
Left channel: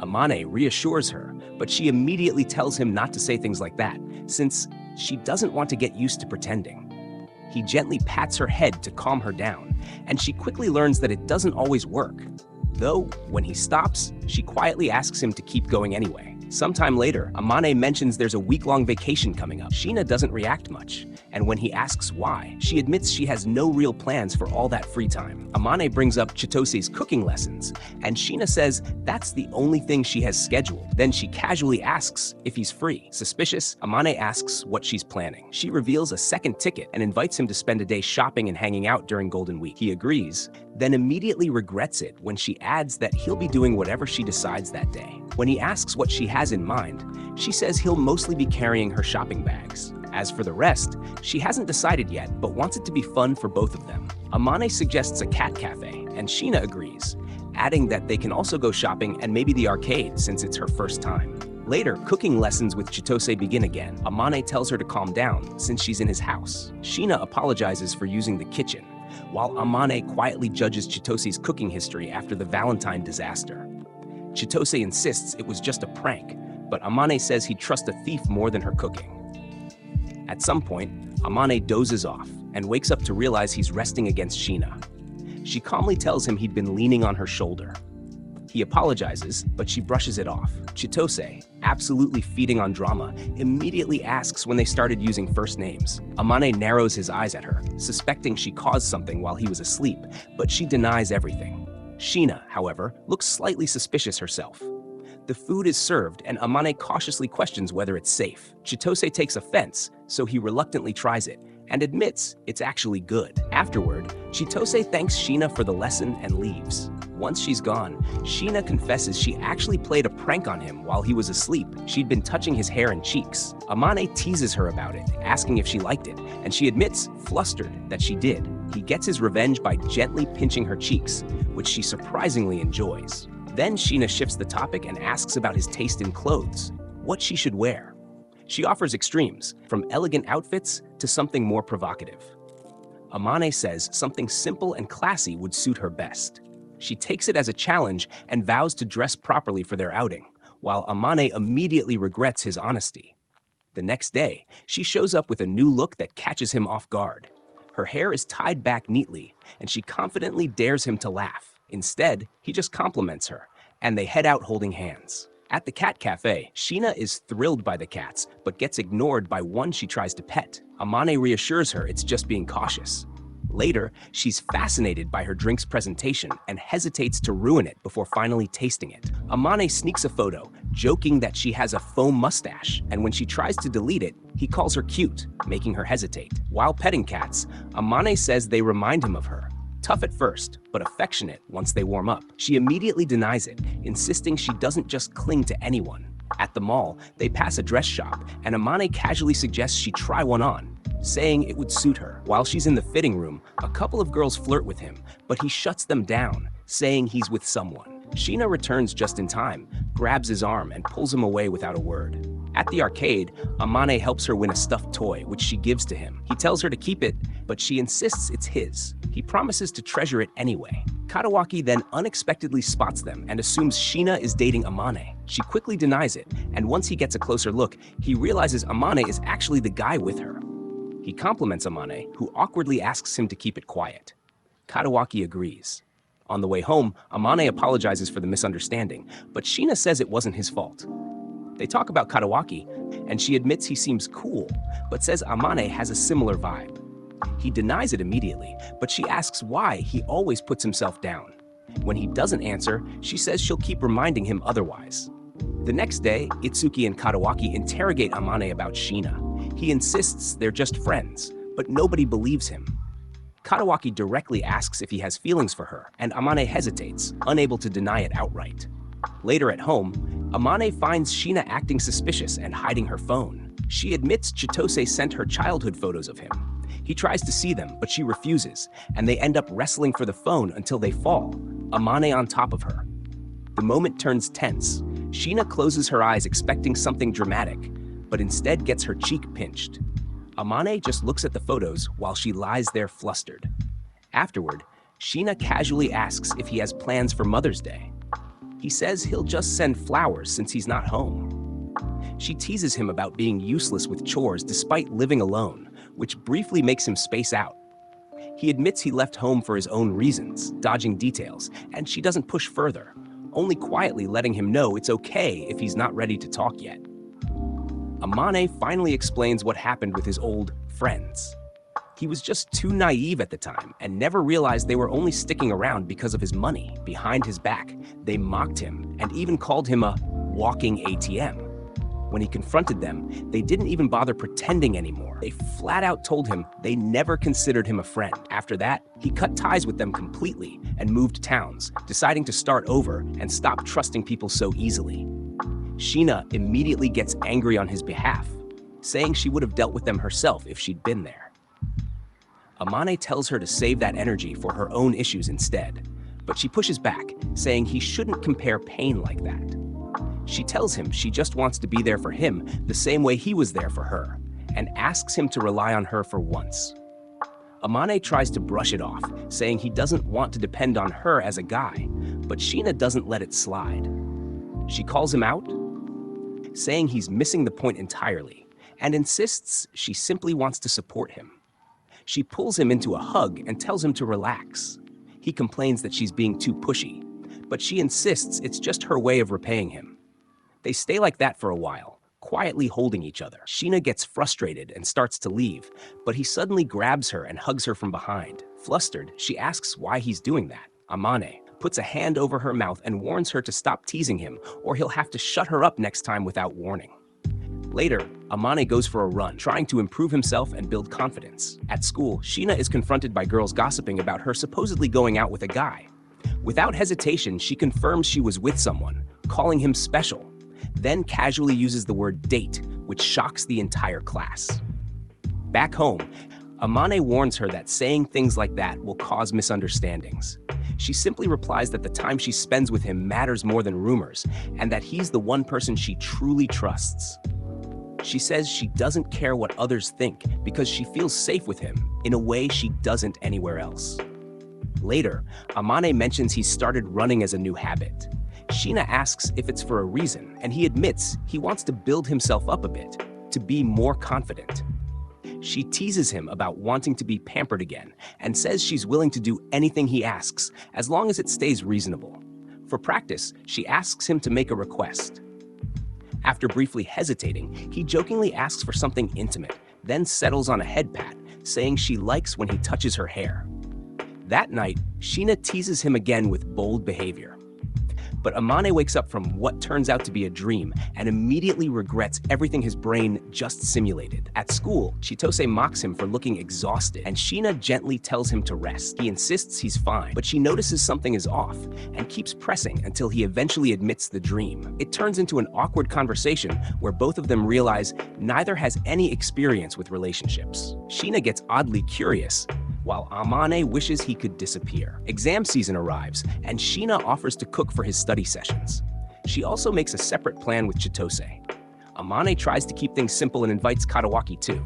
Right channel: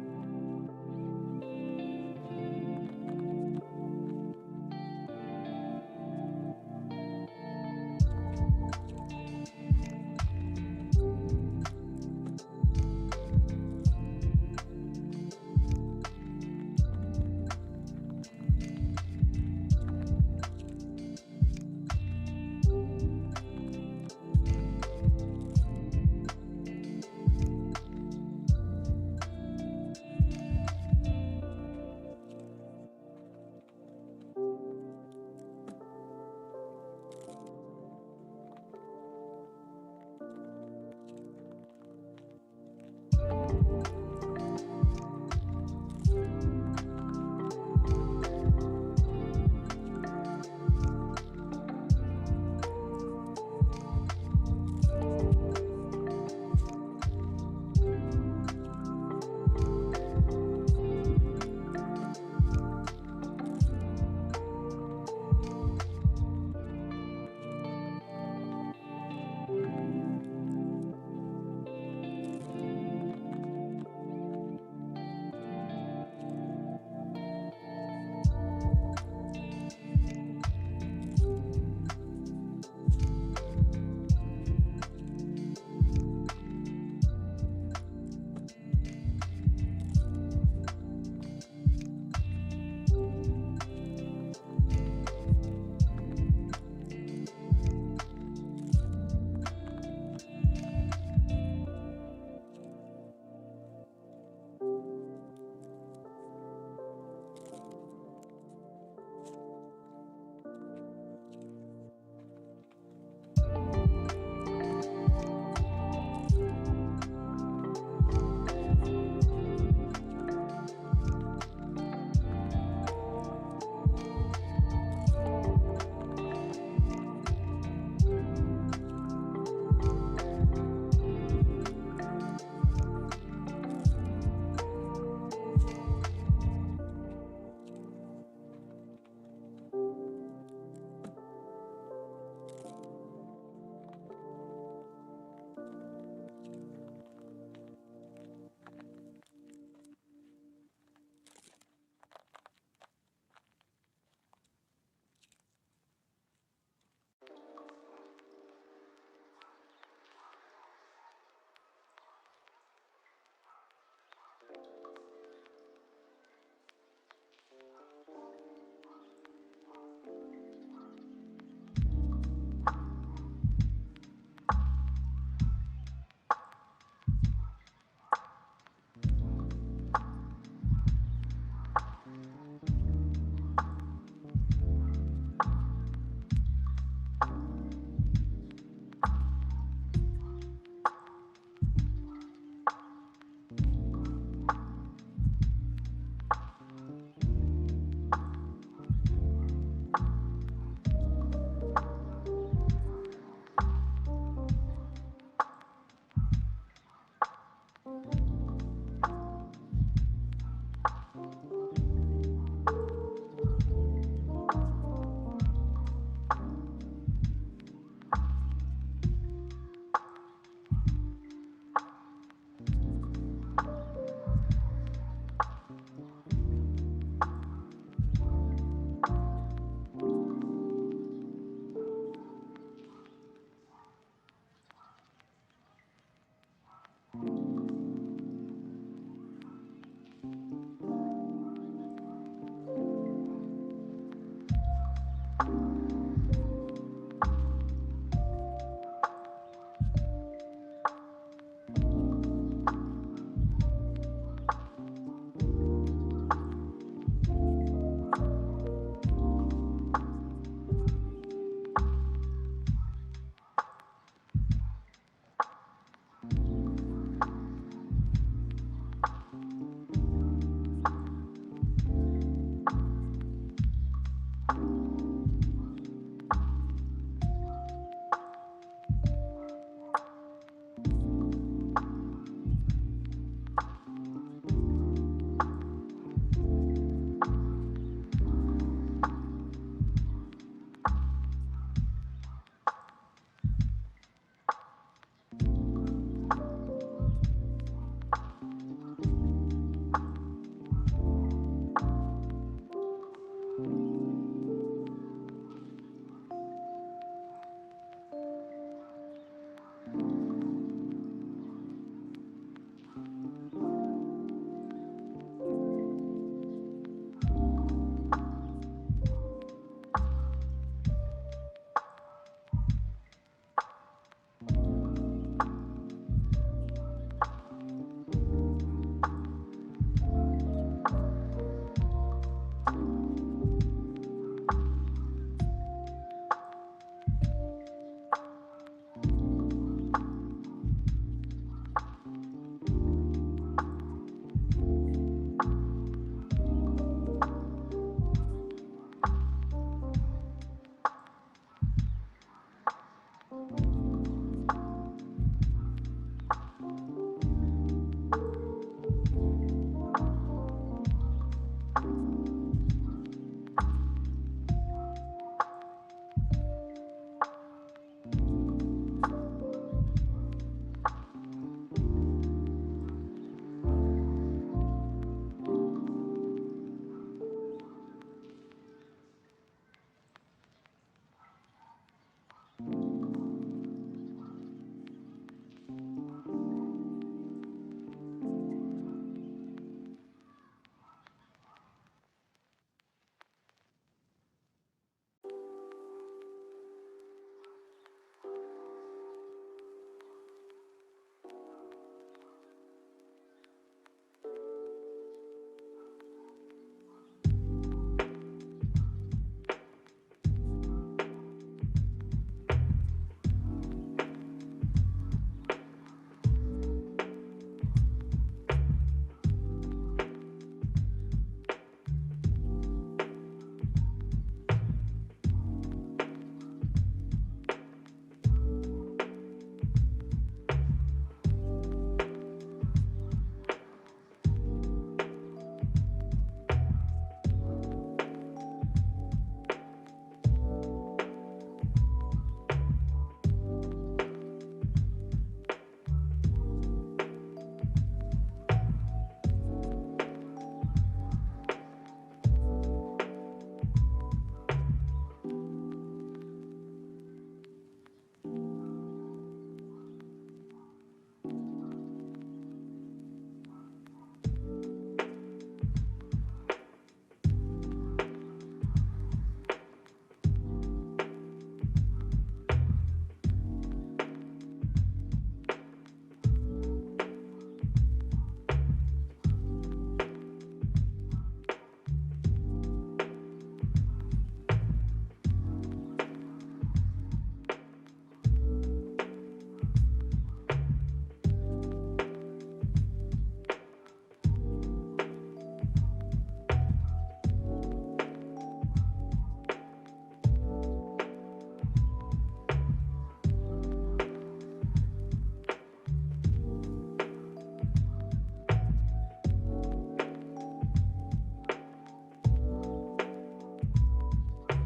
Amane reassures her, but she immediately tells him not to say things like that, since she doesn't want to get used to pretending. He gently pats her head to calm her down, and she quickly learns that it doesn't always work. Though, when he stops, she quietly asks him to keep going anyway. Sometime later, Amane mentions there's a week-long vacation coming up. Sheena doesn't react much, and when he asks why, she admits she has no real plans for all that free time. Amane brings up Chitose's cooking lessons, and Sheena says that's the only thing she has scheduled. Then she casually asks if he's free. Suspicious, Amane asks what she's planning. She reveals a second ticket and invites him to spend a day shopping and hanging out during Golden Week. He agrees, then immediately regrets it when she adds that he'll be doing whatever she decides that day. When he asks what she has in mind, she says he'll mostly be carrying her shopping bags. As for the rest, she hasn't decided yet, but wants it to be fun for both of them. Amane suggests a cat cafe, and Sheena agrees, adding that they can also go shopping and maybe the arcade since it's her first time. Later, cooking lessons with Chitose begin again. Amane tells her to calm down since she's in his house. Sheena apologizes for using the kitchen, while Amane quietly judges Chitose's cooking history after the Valentine disaster. Chitose insists it was just a prank, but Amane says he'd trust a thief more than her cooking. At some point, Amane dozes off and wakes up to realize he's resting against Sheena. She calmly tells him he'd been leaning on her shoulder. He apologizes, but she brushes it off. Chitose, absolutely feeding on drama, immediately asks when they started using first names. Amane narrows his eyes at her, suspecting she caused something while he was asleep, but she denies everything. Sheena, however, looks slightly suspicious herself. The food is served, and Amane cautiously questions whether it's safe. Chitose takes offense, so he reluctantly tries it, and admits it's actually good. Afterward, Chitose thanks Sheena for the lesson and leaves. Once she's gone, Sheena confesses she actually played a prank on him while he was asleep. She'd been touching his hair and cheeks. Amane teases her about it, asking if she liked it, and she admits, flustered, that she did. He gets his revenge by gently pinching her cheeks, which she surprisingly enjoys. Then Sheena shifts the topic and asks about his taste in clothes, what she should wear. She offers extremes, from elegant outfits to something more provocative. Amane says something simple and classy would suit her best. She takes it as a challenge and vows to dress properly for their outing, while Amane immediately regrets his honesty. The next day, she shows up with a new look that catches him off guard. Her hair is tied back neatly, and she confidently dares him to laugh. Instead, he just compliments her, and they head out holding hands. At the cat cafe, Sheena is thrilled by the cats, but gets ignored by one she tries to pet. Amane reassures her it's just being cautious. Later, she's fascinated by her drink's presentation and hesitates to ruin it before finally tasting it. Amane sneaks a photo, joking that she has a faux mustache, and when she tries to delete it, he calls her cute, making her hesitate. While petting cats, Amane says they remind him of her. Tough at first, but affectionate once they warm up. She immediately denies it, insisting she doesn't just cling to anyone. At the mall, they pass a dress shop, and Amane casually suggests she try one on, saying it would suit her. While she's in the fitting room, a couple of girls flirt with him, but he shuts them down, saying he's with someone. Sheena returns just in time, grabs his arm, and pulls him away without a word. At the arcade, Amane helps her win a stuffed toy, which she gives to him. He tells her to keep it, but she insists it's his. He promises to treasure it anyway. Katawaki then unexpectedly spots them and assumes Sheena is dating Amane. She quickly denies it, and once he gets a closer look, he realizes Amane is actually the guy with her. He compliments Amane, who awkwardly asks him to keep it quiet. Katawaki agrees. On the way home, Amane apologizes for the misunderstanding, but Sheena says it wasn't his fault. They talk about Katawaki, and she admits he seems cool, but says Amane has a similar vibe. He denies it immediately, but she asks why he always puts himself down. When he doesn't answer, she says she'll keep reminding him otherwise. The next day, Itsuki and Katawaki interrogate Amane about Sheena. He insists they're just friends, but nobody believes him. Katawaki directly asks if he has feelings for her, and Amane hesitates, unable to deny it outright. Later at home, Amane finds Sheena acting suspicious and hiding her phone. She admits Chitose sent her childhood photos of him. He tries to see them, but she refuses, and they end up wrestling for the phone until they fall, Amane on top of her. The moment turns tense. Sheena closes her eyes expecting something dramatic, but instead gets her cheek pinched. Amane just looks at the photos while she lies there flustered. Afterward, Sheena casually asks if he has plans for Mother's Day. He says he'll just send flowers since he's not home. She teases him about being useless with chores despite living alone, which briefly makes him space out. He admits he left home for his own reasons, dodging details, and she doesn't push further, only quietly letting him know it's okay if he's not ready to talk yet. Amane finally explains what happened with his old friends. He was just too naive at the time and never realized they were only sticking around because of his money. Behind his back, they mocked him and even called him a walking ATM. When he confronted them, they didn't even bother pretending anymore. They flat out told him they never considered him a friend. After that, he cut ties with them completely and moved towns, deciding to start over and stop trusting people so easily. Sheena immediately gets angry on his behalf, saying she would have dealt with them herself if she'd been there. Amane tells her to save that energy for her own issues instead, but she pushes back, saying he shouldn't compare pain like that. She tells him she just wants to be there for him the same way he was there for her, and asks him to rely on her for once. Amane tries to brush it off, saying he doesn't want to depend on her as a guy, but Sheena doesn't let it slide. She calls him out, saying he's missing the point entirely, and insists she simply wants to support him. She pulls him into a hug and tells him to relax. He complains that she's being too pushy, but she insists it's just her way of repaying him. They stay like that for a while, quietly holding each other. Sheena gets frustrated and starts to leave, but he suddenly grabs her and hugs her from behind. Flustered, she asks why he's doing that. Amane puts a hand over her mouth and warns her to stop teasing him, or he'll have to shut her up next time without warning. Later, Amane goes for a run, trying to improve himself and build confidence. At school, Sheena is confronted by girls gossiping about her supposedly going out with a guy. Without hesitation, she confirms she was with someone, calling him special, then casually uses the word date, which shocks the entire class. Back home, Amane warns her that saying things like that will cause misunderstandings. She simply replies that the time she spends with him matters more than rumors, and that he's the one person she truly trusts. She says she doesn't care what others think because she feels safe with him in a way she doesn't anywhere else. Later, Amane mentions he's started running as a new habit. Sheena asks if it's for a reason, and he admits he wants to build himself up a bit, to be more confident. She teases him about wanting to be pampered again and says she's willing to do anything he asks as long as it stays reasonable. For practice, she asks him to make a request. After briefly hesitating, he jokingly asks for something intimate, then settles on a head pat, saying she likes when he touches her hair. That night, Sheena teases him again with bold behavior. But Amane wakes up from what turns out to be a dream and immediately regrets everything his brain just simulated. At school, Chitose mocks him for looking exhausted, and Sheena gently tells him to rest. He insists he's fine, but she notices something is off and keeps pressing until he eventually admits the dream. It turns into an awkward conversation where both of them realize neither has any experience with relationships. Sheena gets oddly curious, while Amane wishes he could disappear. Exam season arrives, and Sheena offers to cook for his study sessions. She also makes a separate plan with Chitose. Amane tries to keep things simple and invites Katawaki too.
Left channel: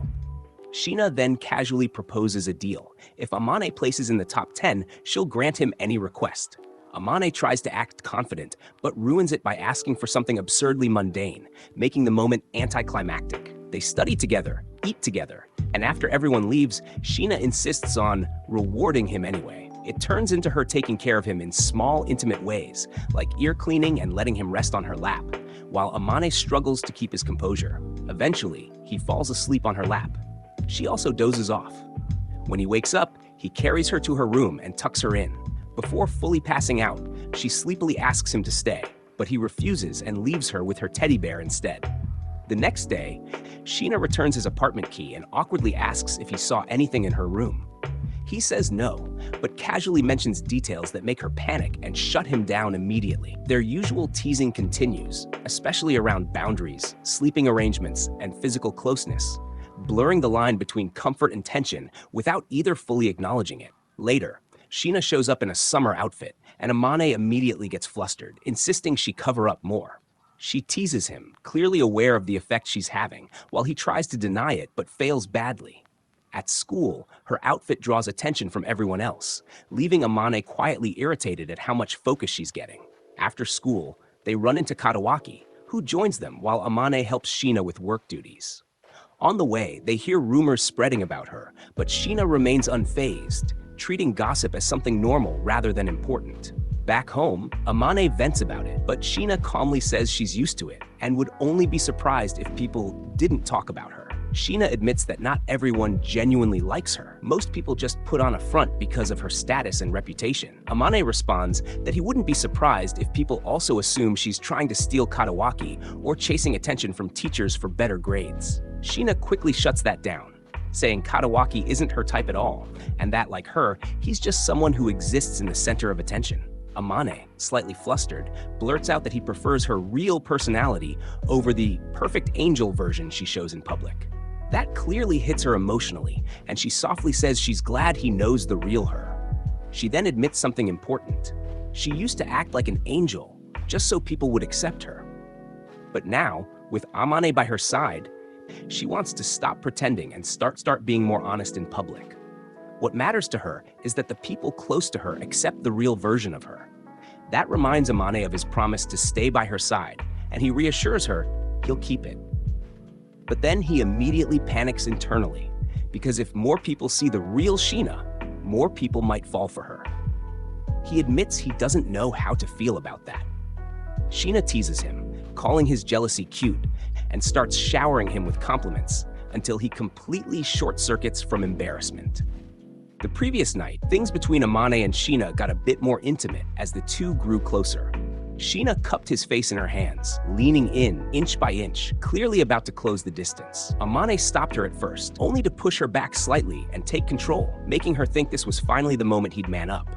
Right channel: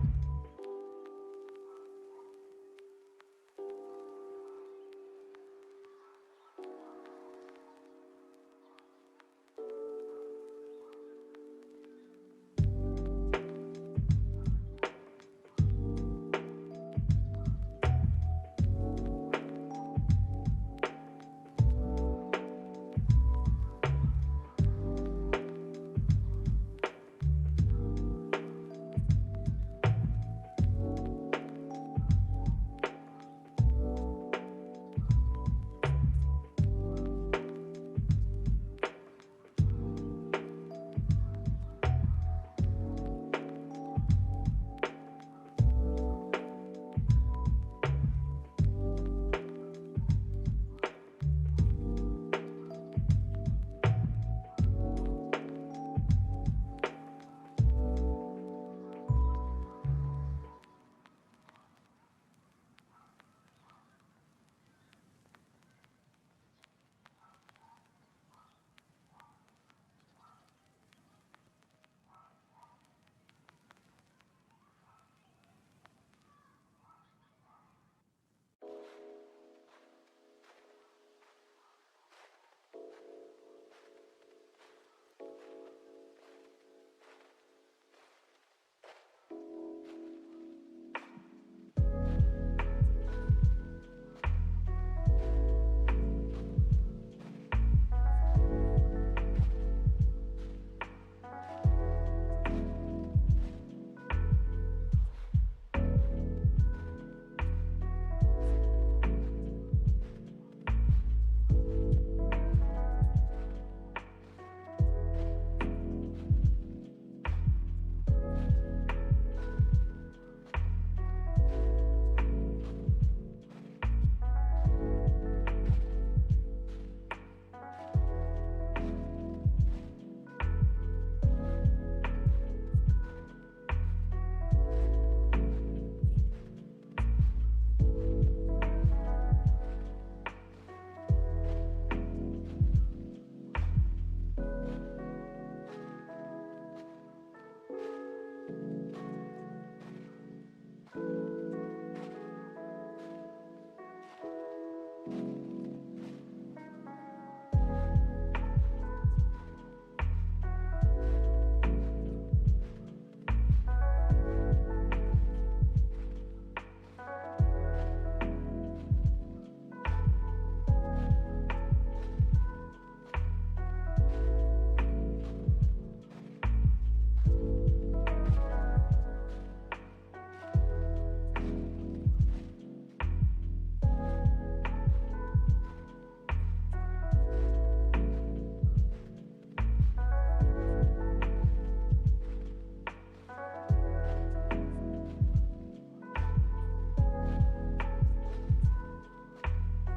Sheena then casually proposes a deal. If Amane places in the top 10, she'll grant him any request. Amane tries to act confident, but ruins it by asking for something absurdly mundane, making the moment anticlimactic. They study together, eat together, and after everyone leaves, Sheena insists on rewarding him anyway. It turns into her taking care of him in small, intimate ways, like ear cleaning and letting him rest on her lap, while Amane struggles to keep his composure. Eventually, he falls asleep on her lap. She also dozes off. When he wakes up, he carries her to her room and tucks her in. Before fully passing out, she sleepily asks him to stay, but he refuses and leaves her with her teddy bear instead. The next day, Sheena returns his apartment key and awkwardly asks if he saw anything in her room. He says no, but casually mentions details that make her panic and shut him down immediately. Their usual teasing continues, especially around boundaries, sleeping arrangements, and physical closeness, blurring the line between comfort and tension without either fully acknowledging it. Later, Sheena shows up in a summer outfit, and Amane immediately gets flustered, insisting she cover up more. She teases him, clearly aware of the effect she's having, while he tries to deny it but fails badly. At school, her outfit draws attention from everyone else, leaving Amane quietly irritated at how much focus she's getting. After school, they run into Katawaki, who joins them while Amane helps Sheena with work duties. On the way, they hear rumors spreading about her, but Sheena remains unfazed, treating gossip as something normal rather than important. Back home, Amane vents about it, but Sheena calmly says she's used to it and would only be surprised if people didn't talk about her. Sheena admits that not everyone genuinely likes her. Most people just put on a front because of her status and reputation. Amane responds that he wouldn't be surprised if people also assume she's trying to steal Katawaki or chasing attention from teachers for better grades. Sheena quickly shuts that down, saying Katawaki isn't her type at all, and that, like her, he's just someone who exists in the center of attention. Amane, slightly flustered, blurts out that he prefers her real personality over the perfect angel version she shows in public. That clearly hits her emotionally, and she softly says she's glad he knows the real her. She then admits something important. She used to act like an angel, just so people would accept her. But now, with Amane by her side, she wants to stop pretending and start being more honest in public. What matters to her is that the people close to her accept the real version of her. That reminds Amane of his promise to stay by her side, and he reassures her he'll keep it. But then he immediately panics internally, because if more people see the real Sheena, more people might fall for her. He admits he doesn't know how to feel about that. Sheena teases him, calling his jealousy cute, and starts showering him with compliments until he completely short-circuits from embarrassment. The previous night, things between Amane and Sheena got a bit more intimate as the two grew closer. Sheena cupped his face in her hands, leaning in inch by inch, clearly about to close the distance. Amane stopped her at first, only to push her back slightly and take control, making her think this was finally the moment he'd man up.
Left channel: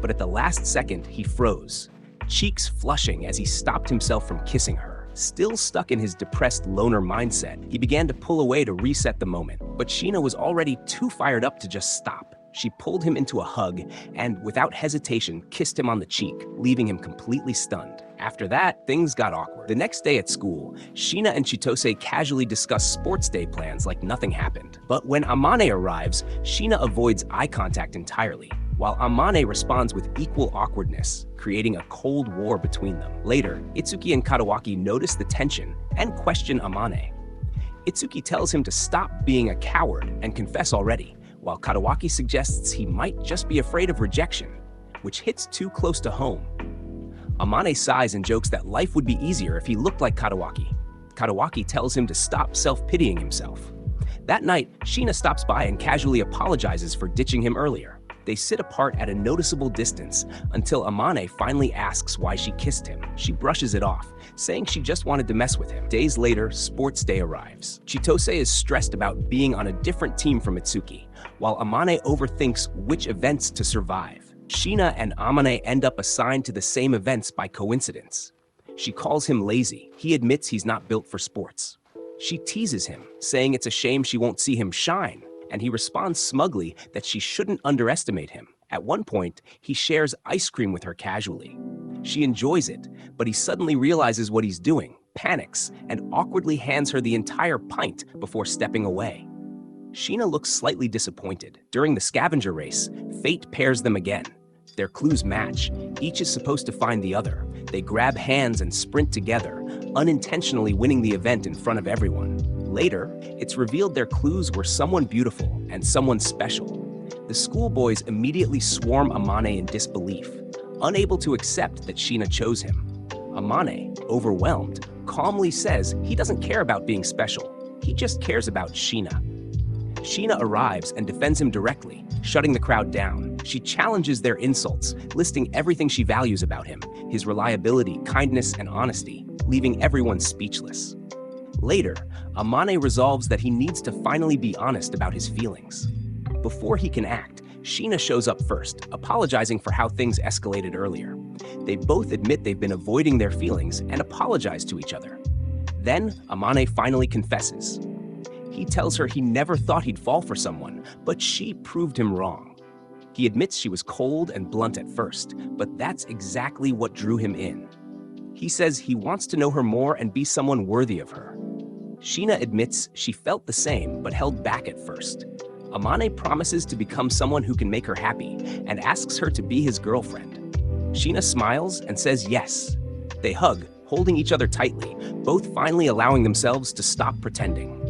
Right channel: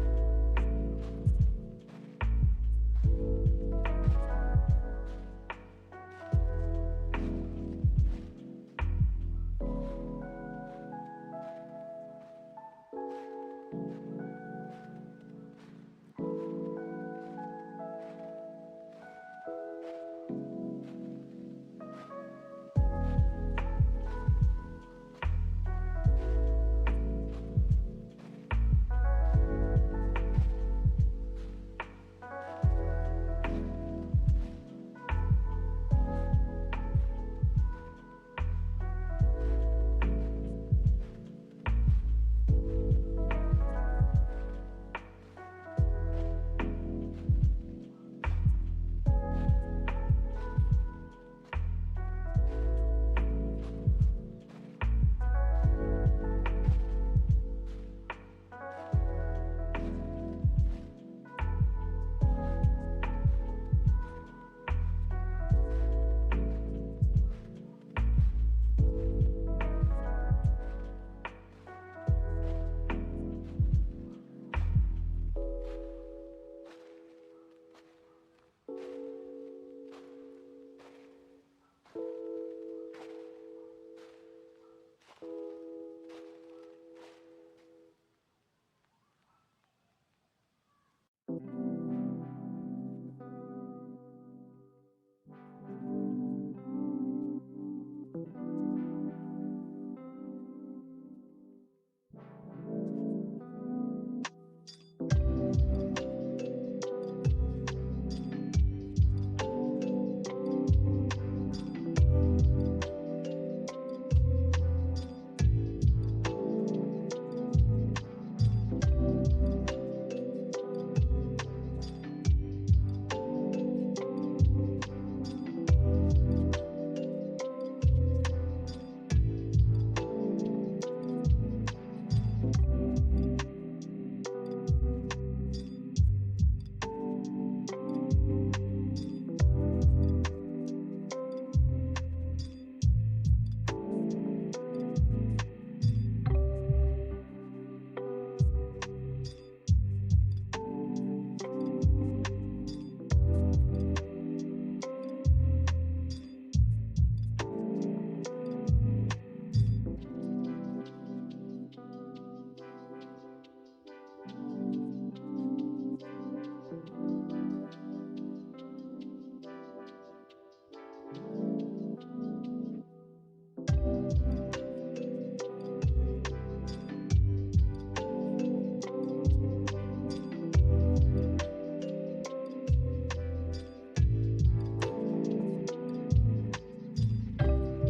But at the last second, he froze, cheeks flushing as he stopped himself from kissing her. Still stuck in his depressed loner mindset, he began to pull away to reset the moment, but Sheena was already too fired up to just stop. She pulled him into a hug and, without hesitation, kissed him on the cheek, leaving him completely stunned. After that, things got awkward. The next day at school, Sheena and Chitose casually discuss sports day plans like nothing happened. But when Amane arrives, Sheena avoids eye contact entirely, while Amane responds with equal awkwardness, creating a cold war between them. Later, Itsuki and Kadawaki notice the tension and question Amane. Itsuki tells him to stop being a coward and confess already, while Kadawaki suggests he might just be afraid of rejection, which hits too close to home. Amane sighs and jokes that life would be easier if he looked like Kadawaki. Kadawaki tells him to stop self-pitying himself. That night, Sheena stops by and casually apologizes for ditching him earlier. They sit apart at a noticeable distance until Amane finally asks why she kissed him. She brushes it off, saying she just wanted to mess with him. Days later, sports day arrives. Chitose is stressed about being on a different team from Itsuki, while Amane overthinks which events to survive. Sheena and Amane end up assigned to the same events by coincidence. She calls him lazy. He admits he's not built for sports. She teases him, saying it's a shame she won't see him shine, and he responds smugly that she shouldn't underestimate him. At one point, he shares ice cream with her casually. She enjoys it, but he suddenly realizes what he's doing, panics, and awkwardly hands her the entire pint before stepping away. Sheena looks slightly disappointed. During the scavenger race, fate pairs them again. Their clues match. Each is supposed to find the other. They grab hands and sprint together, unintentionally winning the event in front of everyone. Later, it's revealed their clues were someone beautiful and someone special. The schoolboys immediately swarm Amane in disbelief, unable to accept that Sheena chose him. Amane, overwhelmed, calmly says he doesn't care about being special. He just cares about Sheena. Sheena arrives and defends him directly, shutting the crowd down. She challenges their insults, listing everything she values about him, his reliability, kindness, and honesty, leaving everyone speechless. Later, Amane resolves that he needs to finally be honest about his feelings. Before he can act, Sheena shows up first, apologizing for how things escalated earlier. They both admit they've been avoiding their feelings and apologize to each other. Then, Amane finally confesses. He tells her he never thought he'd fall for someone, but she proved him wrong. He admits she was cold and blunt at first, but that's exactly what drew him in. He says he wants to know her more and be someone worthy of her. Sheena admits she felt the same, but held back at first. Amane promises to become someone who can make her happy and asks her to be his girlfriend. Sheena smiles and says yes. They hug, holding each other tightly, both finally allowing themselves to stop pretending.